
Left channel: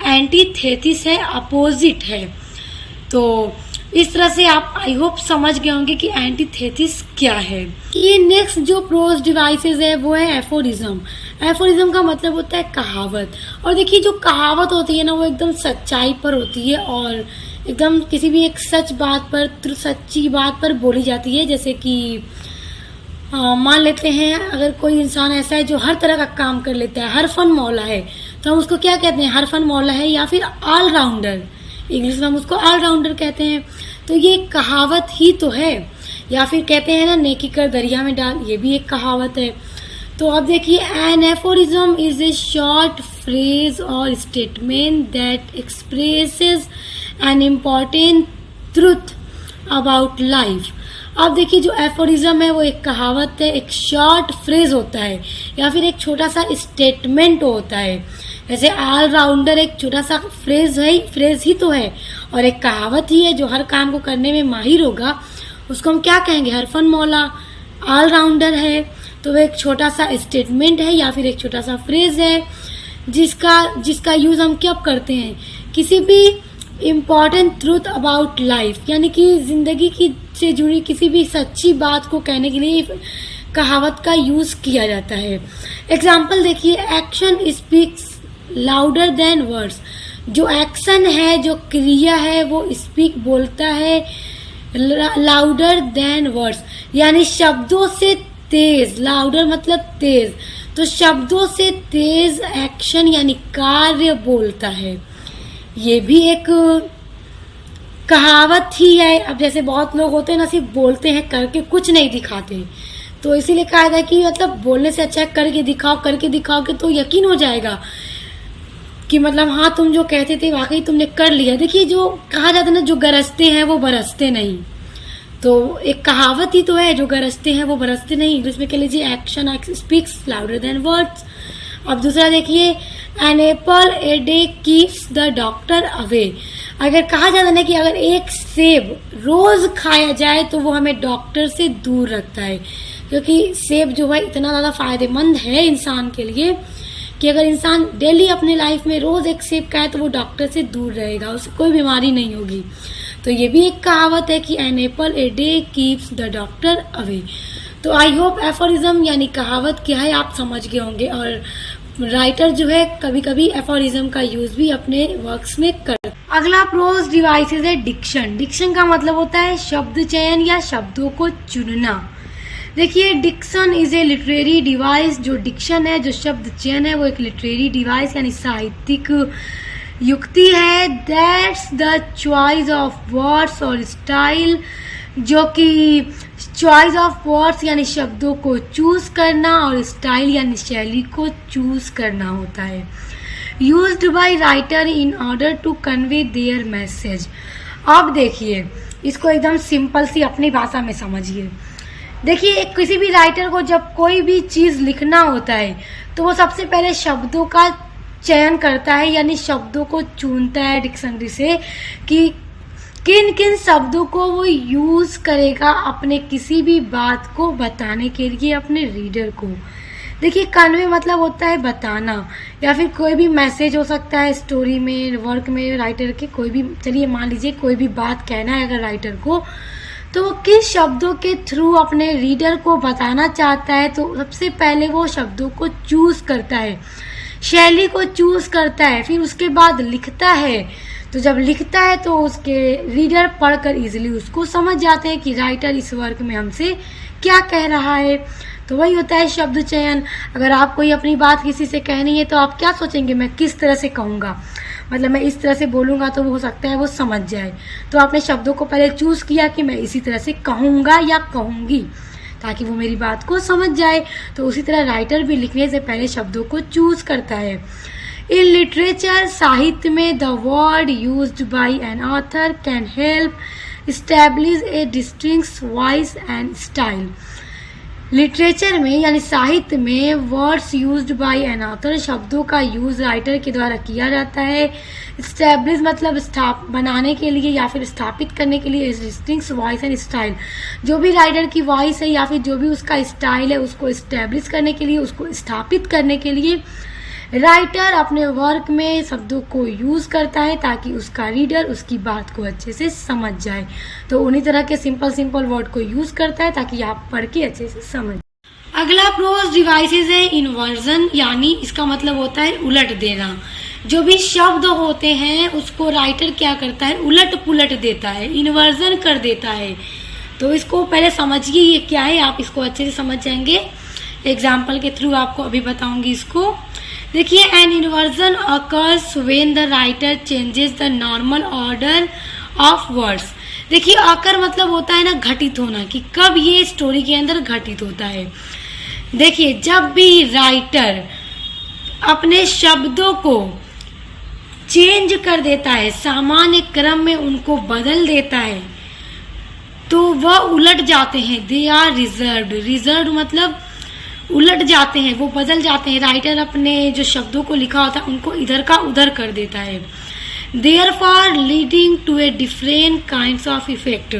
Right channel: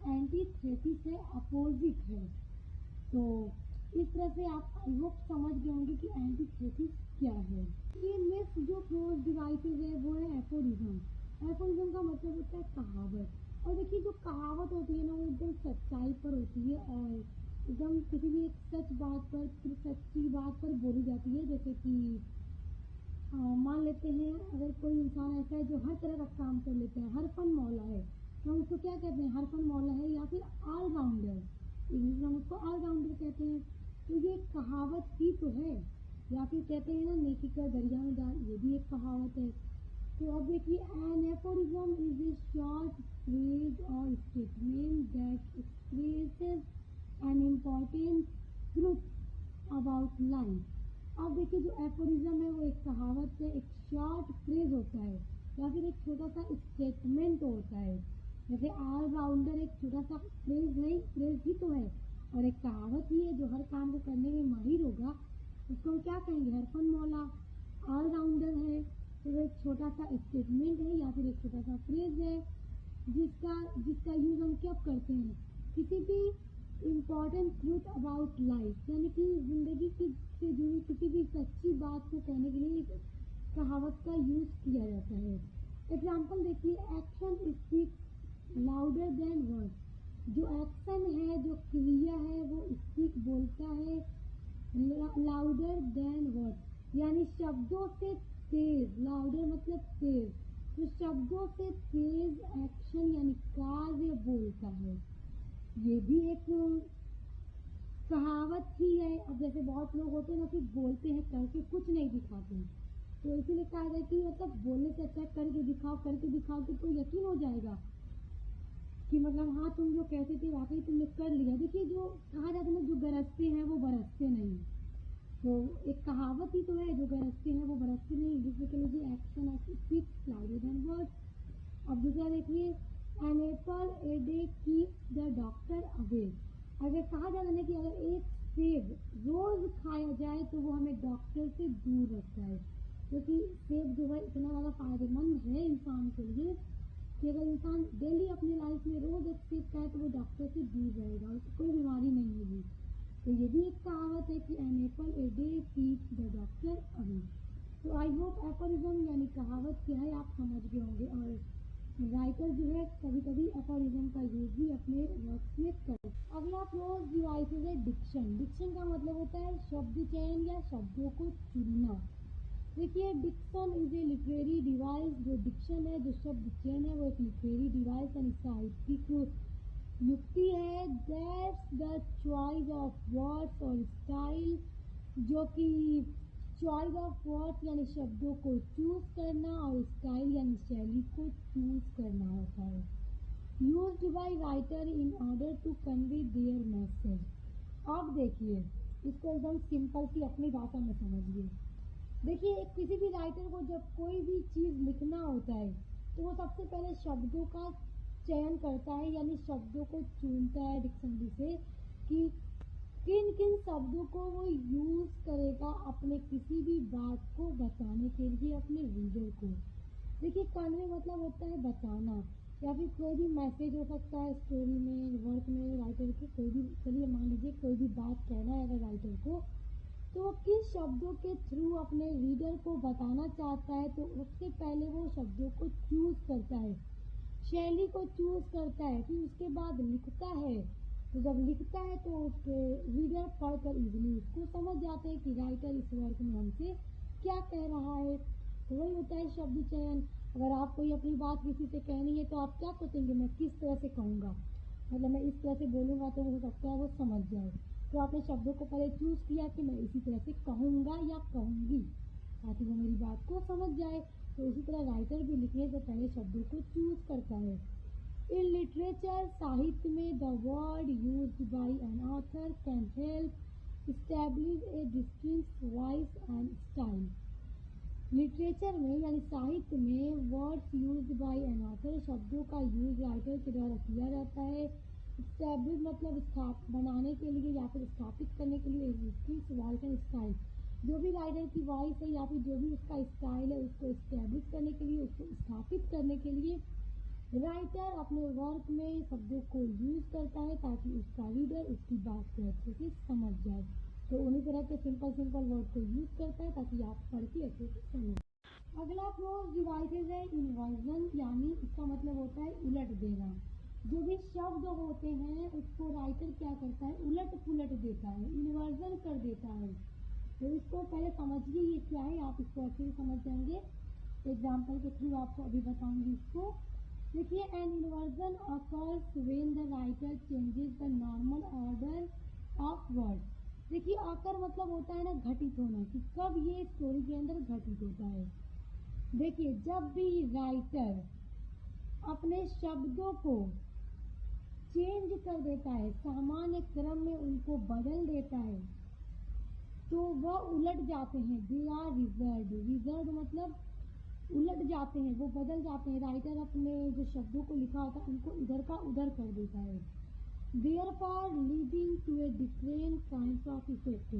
एंटीथेसिस है, अपोजिट है। तो इस तरह से आप आई होप समझ गए होंगे कि एंटीथेसिस क्या है। ये नेक्स्ट जो प्रोज डिवाइसेस है वो है एफोरिज्म। एफोरिज्म का मतलब होता है कहावत। और देखिए जो कहावत होती है ना वो एकदम सच्चाई पर होती है और एकदम किसी भी एक सच बात पर, सच्ची बात पर बोली जाती है। जैसे कि मान लेते हैं अगर कोई इंसान ऐसा है जो हर तरह का काम कर लेता है, हर फन मौला है, तो हम उसको क्या कहते हैं, हर फन मौला है, या फिर ऑलराउंडर, इंग्लिश में हम उसको ऑलराउंडर कहते हैं। तो ये कहावत ही तो है। या फिर कहते हैं ना, नेकी कर दरिया में डाल, ये भी एक कहावत है। तो अब देखिए, an aphorism is a short phrase और statement that expresses an important truth about life. अब देखिए जो एफोरिज्म है वो एक कहावत है, एक शॉर्ट फ्रेज होता है या फिर एक छोटा सा स्टेटमेंट होता है। जैसे ऑलराउंडर एक छोटा सा फ्रेज ही तो है, और एक कहावत ही है जो हर काम को करने में माहिर होगा उसको हम क्या कहेंगे, हरफन मौला ऑलराउंडर है। तो वो एक छोटा सा स्टेटमेंट है या फिर एक छोटा सा फ्रेज है जिसका यूज हम कब करते हैं, किसी भी इम्पॉर्टेंट ट्रूथ अबाउट लाइफ, यानी कि जिंदगी की से जुड़ी किसी भी सच्ची बात को कहने के लिए कहावत का यूज किया जाता है। एग्जाम्पल देखिए, action speaks louder than words. जो एक्शन है, जो क्रिया है, वो स्पीक बोलता है लाउडर देन वर्ड्स, यानी शब्दों से तेज। लाउडर मतलब तेज, तो शब्दों से तेज एक्शन यानी कार्य बोलता है। ये भी एक कहावत ही है। अब जैसे बहुत लोग होते हैं ना, सिर्फ बोलते हैं, करके कुछ नहीं दिखाते, तो इसीलिए कहा जाए कि मतलब बोलने से अच्छा है करके दिखाओगे तो यकीन हो जाएगा कि मतलब हाँ तुम जो कहते थे वाकई तुमने कर लिया। देखिए जो कहा जाता है ना, जो गरजते हैं वो बरसते नहीं, तो एक कहावत ही तो है, जो गरजते हैं वो बरसते नहीं। इंग्लिश में कह लीजिए action speaks louder than words. अब दूसरा देखिए, an apple a day keeps the doctor away. अगर कहा जाता है ना कि अगर एक सेब रोज खाया जाए तो वो हमें डॉक्टर से दूर रखता है, क्योंकि सेब जो है इतना ज़्यादा फायदेमंद है इंसान के लिए कि अगर इंसान डेली अपने लाइफ में रोज एक सेब खाए तो वो डॉक्टर से दूर रहेगा, उसे कोई बीमारी नहीं होगी। तो ये भी एक कहावत है कि an apple a day keeps the doctor away. तो आई होप एफोरिज्म यानी कहावत क्या है आप समझ गए होंगे, और राइटर जो है कभी कभी एफोरिज्म का यूज भी अपने वर्क्स में करते। अगला प्रोज डिवाइसेस है डिक्शन। डिक्शन का मतलब होता है शब्द चयन या शब्दों को चुनना। देखिए diction is a literary device. जो डिक्शन है, जो शब्द चयन है, वो एक लिटरेरी डिवाइस यानी साहित्यिक युक्ति है। That's the choice of words और स्टाइल, जो कि चॉइस ऑफ वर्ड्स यानी शब्दों को चूज करना और स्टाइल यानी शैली को चूज करना होता है। Used by writer in order to convey their message. अब देखिए इसको एकदम सिंपल सी अपनी भाषा में समझिए। देखिए किसी भी राइटर को जब कोई भी चीज लिखना होता है तो वो सबसे पहले शब्दों का चयन करता है, यानी शब्दों को चुनता है डिक्शनरी से कि किन किन शब्दों को वो यूज करेगा अपने किसी भी बात को बताने के लिए अपने रीडर को। देखिए कन्वे मतलब होता है बताना, या फिर कोई भी मैसेज हो सकता है स्टोरी में, वर्क में, राइटर के कोई भी, चलिए मान लीजिए कोई भी बात कहना है अगर राइटर को, तो वो किस शब्दों के थ्रू अपने रीडर को बताना चाहता है, तो सबसे पहले वो शब्दों को चूज करता है, शैली को चूज करता है, फिर उसके बाद लिखता है। तो जब लिखता है तो उसके रीडर पढ़कर इजीली उसको समझ जाते हैं कि राइटर इस वर्क में हमसे क्या कह रहा है। तो वही होता है शब्द चयन। अगर आप कोई अपनी बात किसी से कहनी है तो आप क्या सोचेंगे, मैं किस तरह से कहूँगा, मतलब मैं इस तरह से बोलूँगा तो हो सकता है वो समझ जाए। तो आपने शब्दों को पहले चूज किया कि मैं इसी तरह से कहूँगा या कहूँगी, ताकि वो मेरी बात को समझ जाए। तो उसी तरह राइटर भी लिखने से पहले शब्दों को चूज करता है। इन लिटरेचर, साहित्य में, the word used by an author can help establish A distinct voice and style. Literature में यानी साहित्य में words used by an author, शब्दों का यूज राइटर के द्वारा किया जाता है। स्टैब्लिश मतलब बनाने के लिए या फिर स्थापित करने के लिए। डिस्टिंक्ट वॉइस एंड स्टाइल, जो भी राइटर की वॉइस है या फिर जो भी उसका स्टाइल है उसको स्टैब्लिश करने के लिए, उसको स्थापित करने के लिए राइटर अपने वर्क में शब्दों को यूज करता है ताकि उसका रीडर उसकी बात को अच्छे से समझ जाए। तो उन्हीं तरह के सिंपल वर्ड को यूज करता है ताकि आप पढ़ के अच्छे से समझ। अगला प्रोज डिवाइसेस है इन्वर्जन, यानी इसका मतलब होता है उलट देना। जो भी शब्द होते हैं उसको राइटर क्या करता है, उलट पुलट देता है, इन्वर्जन कर देता है। तो इसको पहले समझिए ये क्या है, आप इसको अच्छे से समझ जाएंगे। एग्जाम्पल के थ्रू आपको अभी बताऊंगी इसको। देखिए an inversion occurs when the writer changes the normal order of words. देखिए अकर मतलब होता है ना घटित होना, कि कब ये स्टोरी के अंदर घटित होता है। देखिए जब भी राइटर अपने शब्दों को चेंज कर देता है, सामान्य क्रम में उनको बदल देता है, तो वह उलट जाते हैं। They are reserved. रिजर्व्ड मतलब उलट जाते हैं, वो बदल जाते हैं। राइटर अपने जो शब्दों को लिखा होता है उनको इधर का उधर कर देता है। Therefore leading to a different kinds of effect.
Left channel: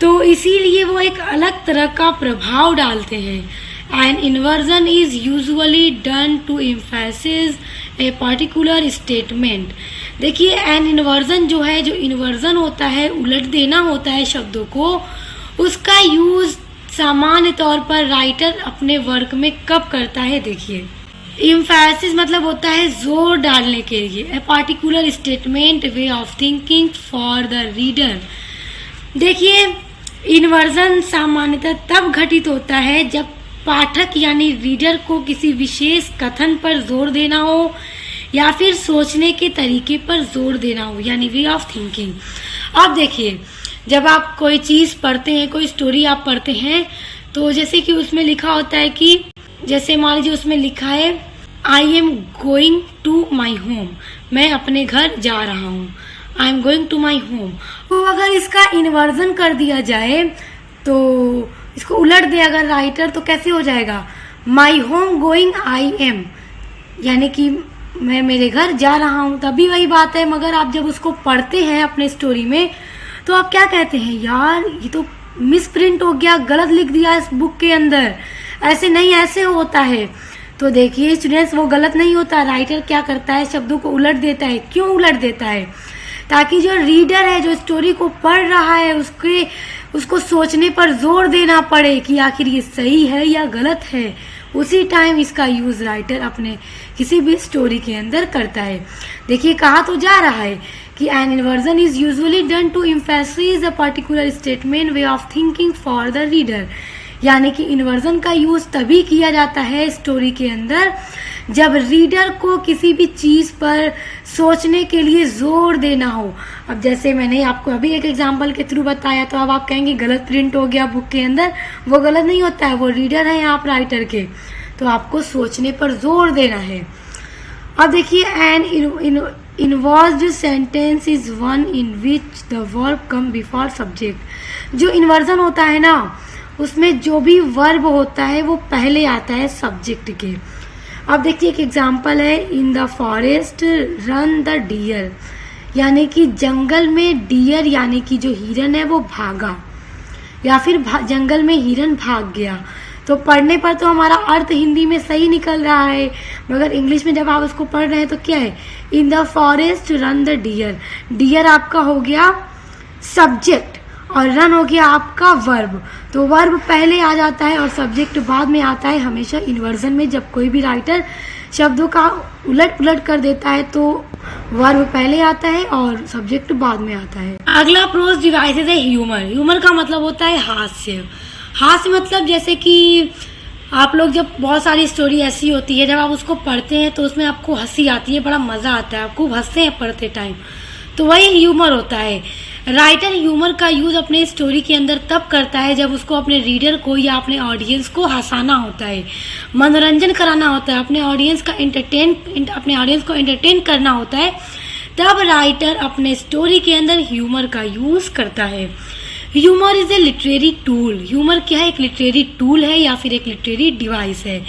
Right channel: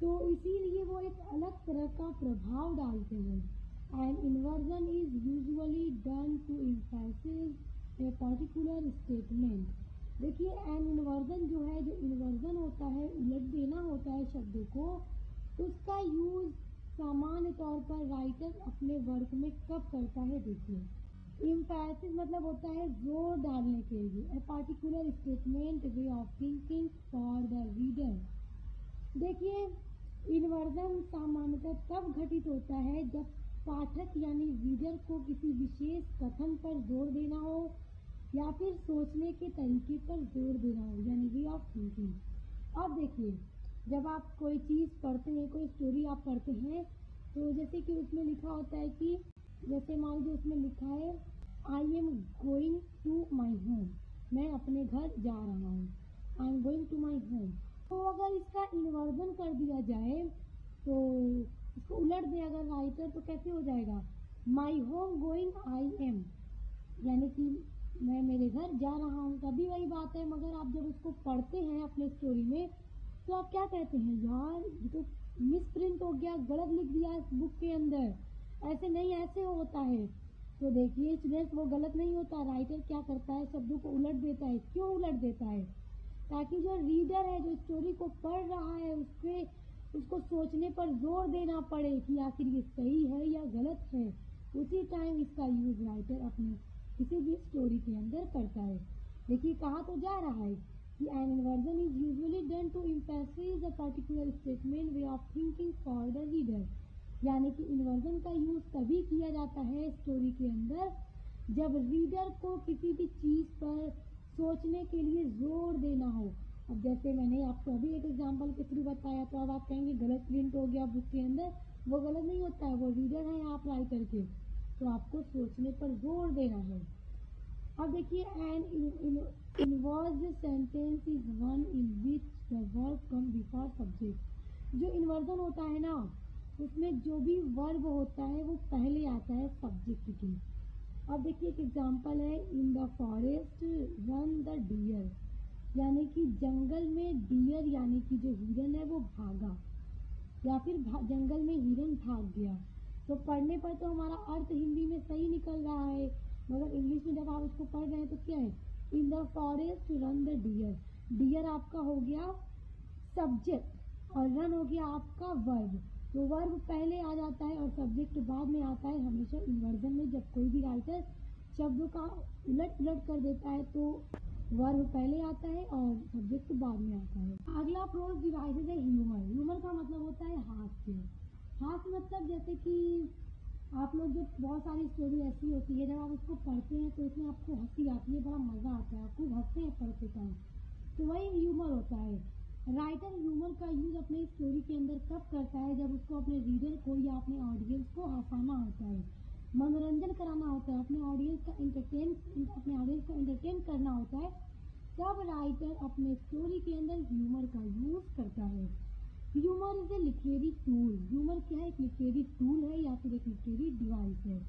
तो इसीलिए वो एक अलग तरह का प्रभाव डालते हैं। An inversion is usually done to emphasis a particular statement. देखिए, एन इन्वर्जन जो है, जो इन्वर्जन होता है, उलट देना होता है शब्दों को, उसका यूज सामान्य तौर पर राइटर अपने वर्क में कब करता है। देखिए, एम्फेसिस मतलब होता है जोर डालने के लिए। ए particular statement, way of thinking for the reader. देखिए, इन्वर्जन सामान्यतः तब घटित होता है जब पाठक यानी रीडर को किसी विशेष कथन पर जोर देना हो या फिर सोचने के तरीके पर जोर देना हो, यानी वे ऑफ थिंकिंग। अब देखिए, जब आप कोई चीज़ पढ़ते हैं, कोई स्टोरी आप पढ़ते हैं, तो जैसे कि उसमें लिखा होता है कि, जैसे मान लीजिए उसमें लिखा है I am going to my home, मैं अपने घर जा रहा हूँ। I am going to my home. तो अगर इसका इन्वर्जन कर दिया जाए, तो इसको उलट दे अगर राइटर, तो कैसे हो जाएगा, my home going I am, यानी कि मैं मेरे घर जा रहा हूँ। तभी वही बात है। मगर आप जब उसको पढ़ते हैं अपने स्टोरी में, तो आप क्या कहते हैं, यार ये तो मिस प्रिंट हो गया, गलत लिख दिया इस बुक के अंदर, ऐसे नहीं, ऐसे होता है। तो देखिए स्टूडेंट्स, वो गलत नहीं होता। राइटर क्या करता है, शब्दों को उलट देता है। क्यों उलट देता है? ताकि जो रीडर है, जो स्टोरी को पढ़ रहा है, उसको सोचने पर जोर देना पड़े कि आखिर ये सही है या गलत है। उसी टाइम इसका यूज राइटर अपने किसी भी स्टोरी के अंदर करता है। देखिए, कहा तो जा रहा है कि an inversion is usually done to emphasis a particular statement, way of thinking for the reader. यानी कि इन्वर्जन का यूज तभी किया जाता है स्टोरी के अंदर जब रीडर को किसी भी चीज पर सोचने के लिए जोर देना हो। अब जैसे मैंने आपको अभी एक एग्जांपल के थ्रू बताया, तो अब आप कहेंगे गलत प्रिंट हो गया बुक के अंदर। वो गलत नहीं होता है, वो रीडर है आप राइटर के, तो आपको सोचने पर जोर देना है। अब देखिए, an inversed sentence is one in which the verb come before subject. जो इन्वर्जन होता है ना, उसमें जो भी वर्ब होता है वो पहले आता है सब्जेक्ट के। अब देखिए, एक एग्जांपल है, in the forest run the deer, यानी कि जंगल में डियर यानी कि जो हिरन है वो भागा, या फिर जंगल में हिरन भाग गया। तो पढ़ने पर तो हमारा अर्थ हिंदी में सही निकल रहा है, मगर इंग्लिश में जब आप उसको पढ़ रहे हैं तो क्या है, in the forest run the deer. Deer आपका हो गया सब्जेक्ट और रन हो गया आपका वर्ब। तो वर्ब पहले आ जाता है और सब्जेक्ट बाद में आता है। हमेशा इन्वर्जन में जब कोई भी राइटर शब्दों का उलट पुलट कर देता है तो वर्ब पहले आता है और सब्जेक्ट बाद में आता है। अगला प्रोज डिवाइसेस है ह्यूमर। ह्यूमर का मतलब होता है हास्य। हास्य मतलब जैसे कि आप लोग, जब बहुत सारी स्टोरी ऐसी होती है, जब आप उसको पढ़ते हैं तो उसमें आपको हंसी आती है, बड़ा मज़ा आता है, आप खूब हंसते हैं पढ़ते टाइम, तो वही ह्यूमर होता है। राइटर ह्यूमर का यूज़ अपने स्टोरी के अंदर तब करता है जब उसको अपने रीडर को या अपने ऑडियंस को हंसाना होता है, मनोरंजन कराना होता है, अपने ऑडियंस को एंटरटेन करना होता है। तब राइटर अपने स्टोरी के अंदर ह्यूमर का यूज़ करता है। Humour is a literary tool. Humour क्या है? एक लिटरेरी टूल है या फिर एक लिटरेरी डिवाइस है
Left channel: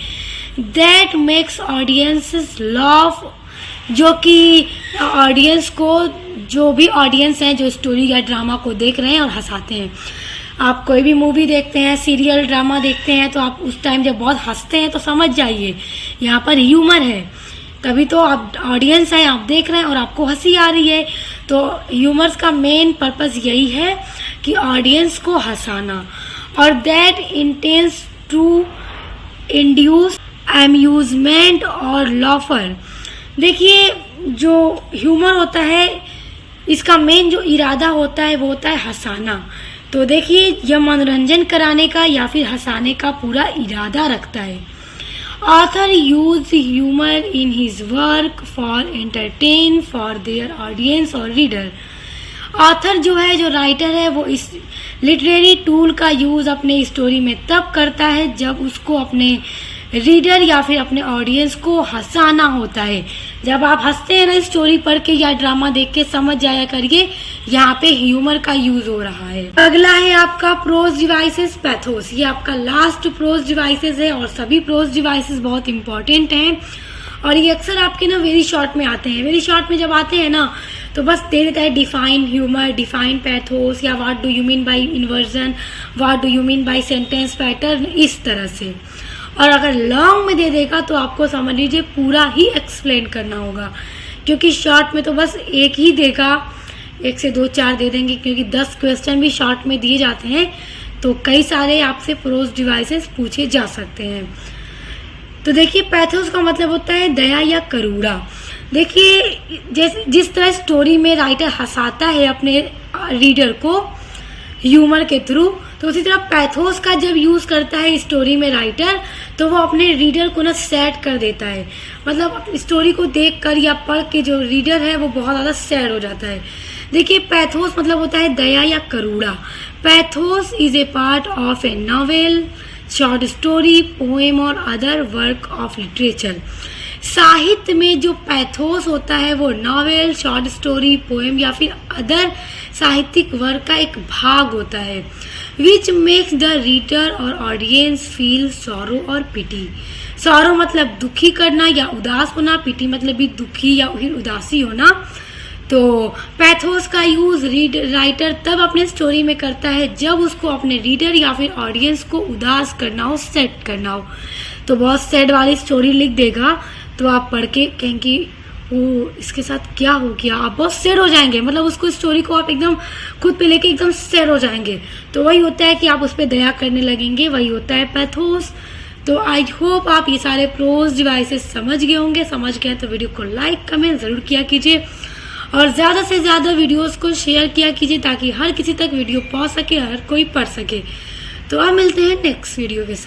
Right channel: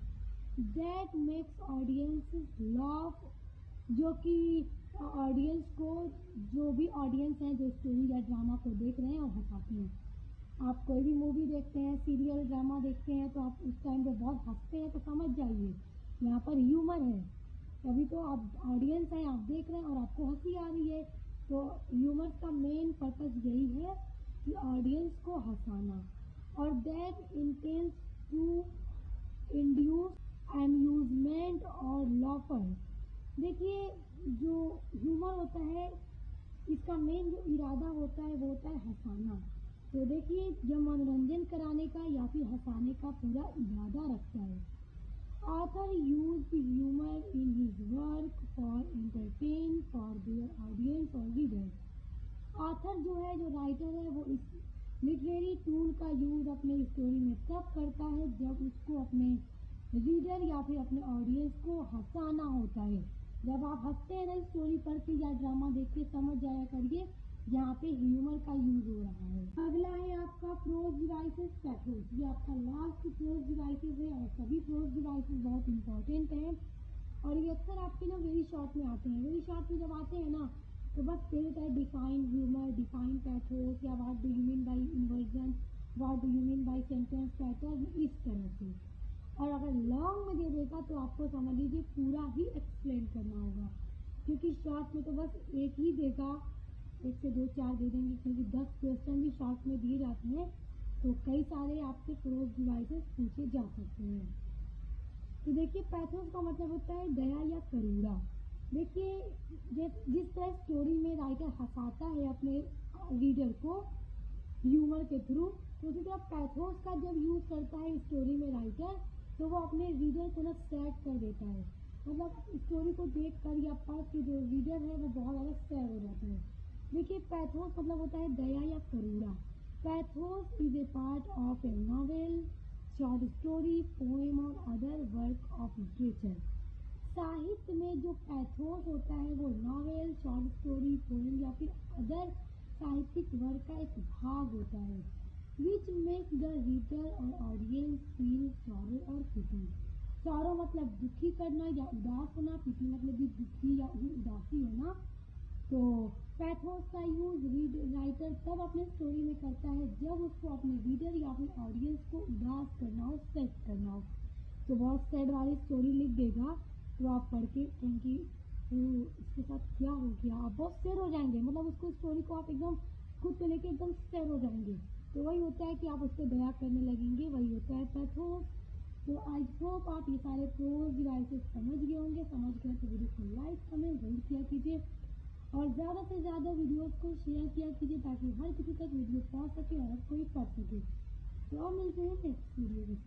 दैट मेक्स ऑडियंसेस लाफ, जो कि ऑडियंस को, जो भी ऑडियंस हैं जो स्टोरी या ड्रामा को देख रहे हैं और हंसाते हैं। आप कोई भी मूवी देखते हैं, सीरियल ड्रामा देखते हैं, तो आप उस टाइम जब बहुत हंसते हैं तो समझ जाइए यहाँ पर ह्यूमर है। तभी तो आप ऑडियंस हैं, आप देख रहे हैं और आपको हंसी आ रही है। तो ह्यूमर्स का मेन पर्पस यही है कि ऑडियंस को हंसाना, और that intense to induce amusement और लॉफर। देखिए, जो ह्यूमर होता है इसका मेन जो इरादा होता है वो होता है हंसाना। तो देखिए, यह मनोरंजन कराने का या फिर हंसाने का पूरा इरादा रखता है। Author use humour in his work for entertain for their audience और रीडर। ऑथर जो है, जो राइटर है, वो इस लिटरेरी टूल का यूज़ अपने स्टोरी में तब करता है जब उसको अपने रीडर या फिर अपने ऑडियंस को हंसाना होता है। जब आप हंसते हैं ना स्टोरी पढ़ के या ड्रामा देख के, समझ जाया करिए यहाँ पे ह्यूमर का यूज हो रहा है। अगला है आपका प्रोज डिवाइसेस पैथोस। ये आपका लास्ट प्रोज डिवाइसेस है और सभी प्रोज डिवाइसेस बहुत इंपॉर्टेंट हैं और ये अक्सर आपके ना वेरी शॉर्ट में आते हैं। वेरी शॉर्ट में जब आते हैं ना तो बस दे देता है डिफाइन ह्यूमर, डिफाइन पैथोस या what do you mean by inversion, what do you mean by sentence pattern, इस तरह से। और अगर लॉन्ग में दे देगा तो आपको समझ लीजिए पूरा ही एक्सप्लेन करना होगा, क्योंकि शॉर्ट में तो बस एक ही देगा, 1 से 2 4 दे देंगे, क्योंकि 10 क्वेश्चन भी शॉर्ट में दिए जाते हैं तो कई सारे आपसे प्रोज डिवाइसेस पूछे जा सकते हैं। तो देखिए पैथोस का मतलब होता है दया या करुणा। देखिए जैसे जिस तरह स्टोरी में राइटर हंसाता है अपने रीडर को ह्यूमर के थ्रू, तो उसी तरह पैथोस का जब यूज करता है स्टोरी में राइटर तो वो अपने रीडर को ना सैड कर देता है। मतलब स्टोरी को देखकर या पढ़ के जो रीडर है वो बहुत ज़्यादा सैड हो जाता है। देखिए पैथोस मतलब होता है दया या करुणा। Pathos is a part of a novel, short story, poem और अदर वर्क ऑफ लिटरेचर। साहित्य में जो पैथोस होता है वो नॉवेल, शॉर्ट स्टोरी, पोएम या फिर अदर साहित्यिक वर्क का एक भाग होता है, विच मेक्स द रीडर और ऑडियंस फील सॉरो और पिटी। सॉरो मतलब दुखी करना या उदास होना, पिटी मतलब भी दुखी या फिर उदासी होना। तो पैथोस का यूज राइटर तब अपने स्टोरी में करता है जब उसको अपने रीडर या फिर ऑडियंस को उदास करना हो, सेट करना हो। तो बहुत सैड वाली स्टोरी लिख देगा तो आप पढ़ के कहेंगे वो इसके साथ क्या हो गया, आप बहुत सैड हो जाएंगे। मतलब उसको स्टोरी को आप एकदम खुद पे लेके एकदम सैड हो जाएंगे। तो वही होता है कि आप उस पर दया करने लगेंगे, वही होता है पैथोस। तो आई होप आप ये सारे प्रोज डिवाइसेस समझ गए होंगे। समझ गए तो वीडियो को लाइक कमेंट जरूर किया कीजिए और ज़्यादा से ज़्यादा वीडियोस को शेयर किया कीजिए ताकि हर किसी तक वीडियो पहुंच सके, हर कोई पढ़ सके। तो अब मिलते हैं नेक्स्ट वीडियो के साथ।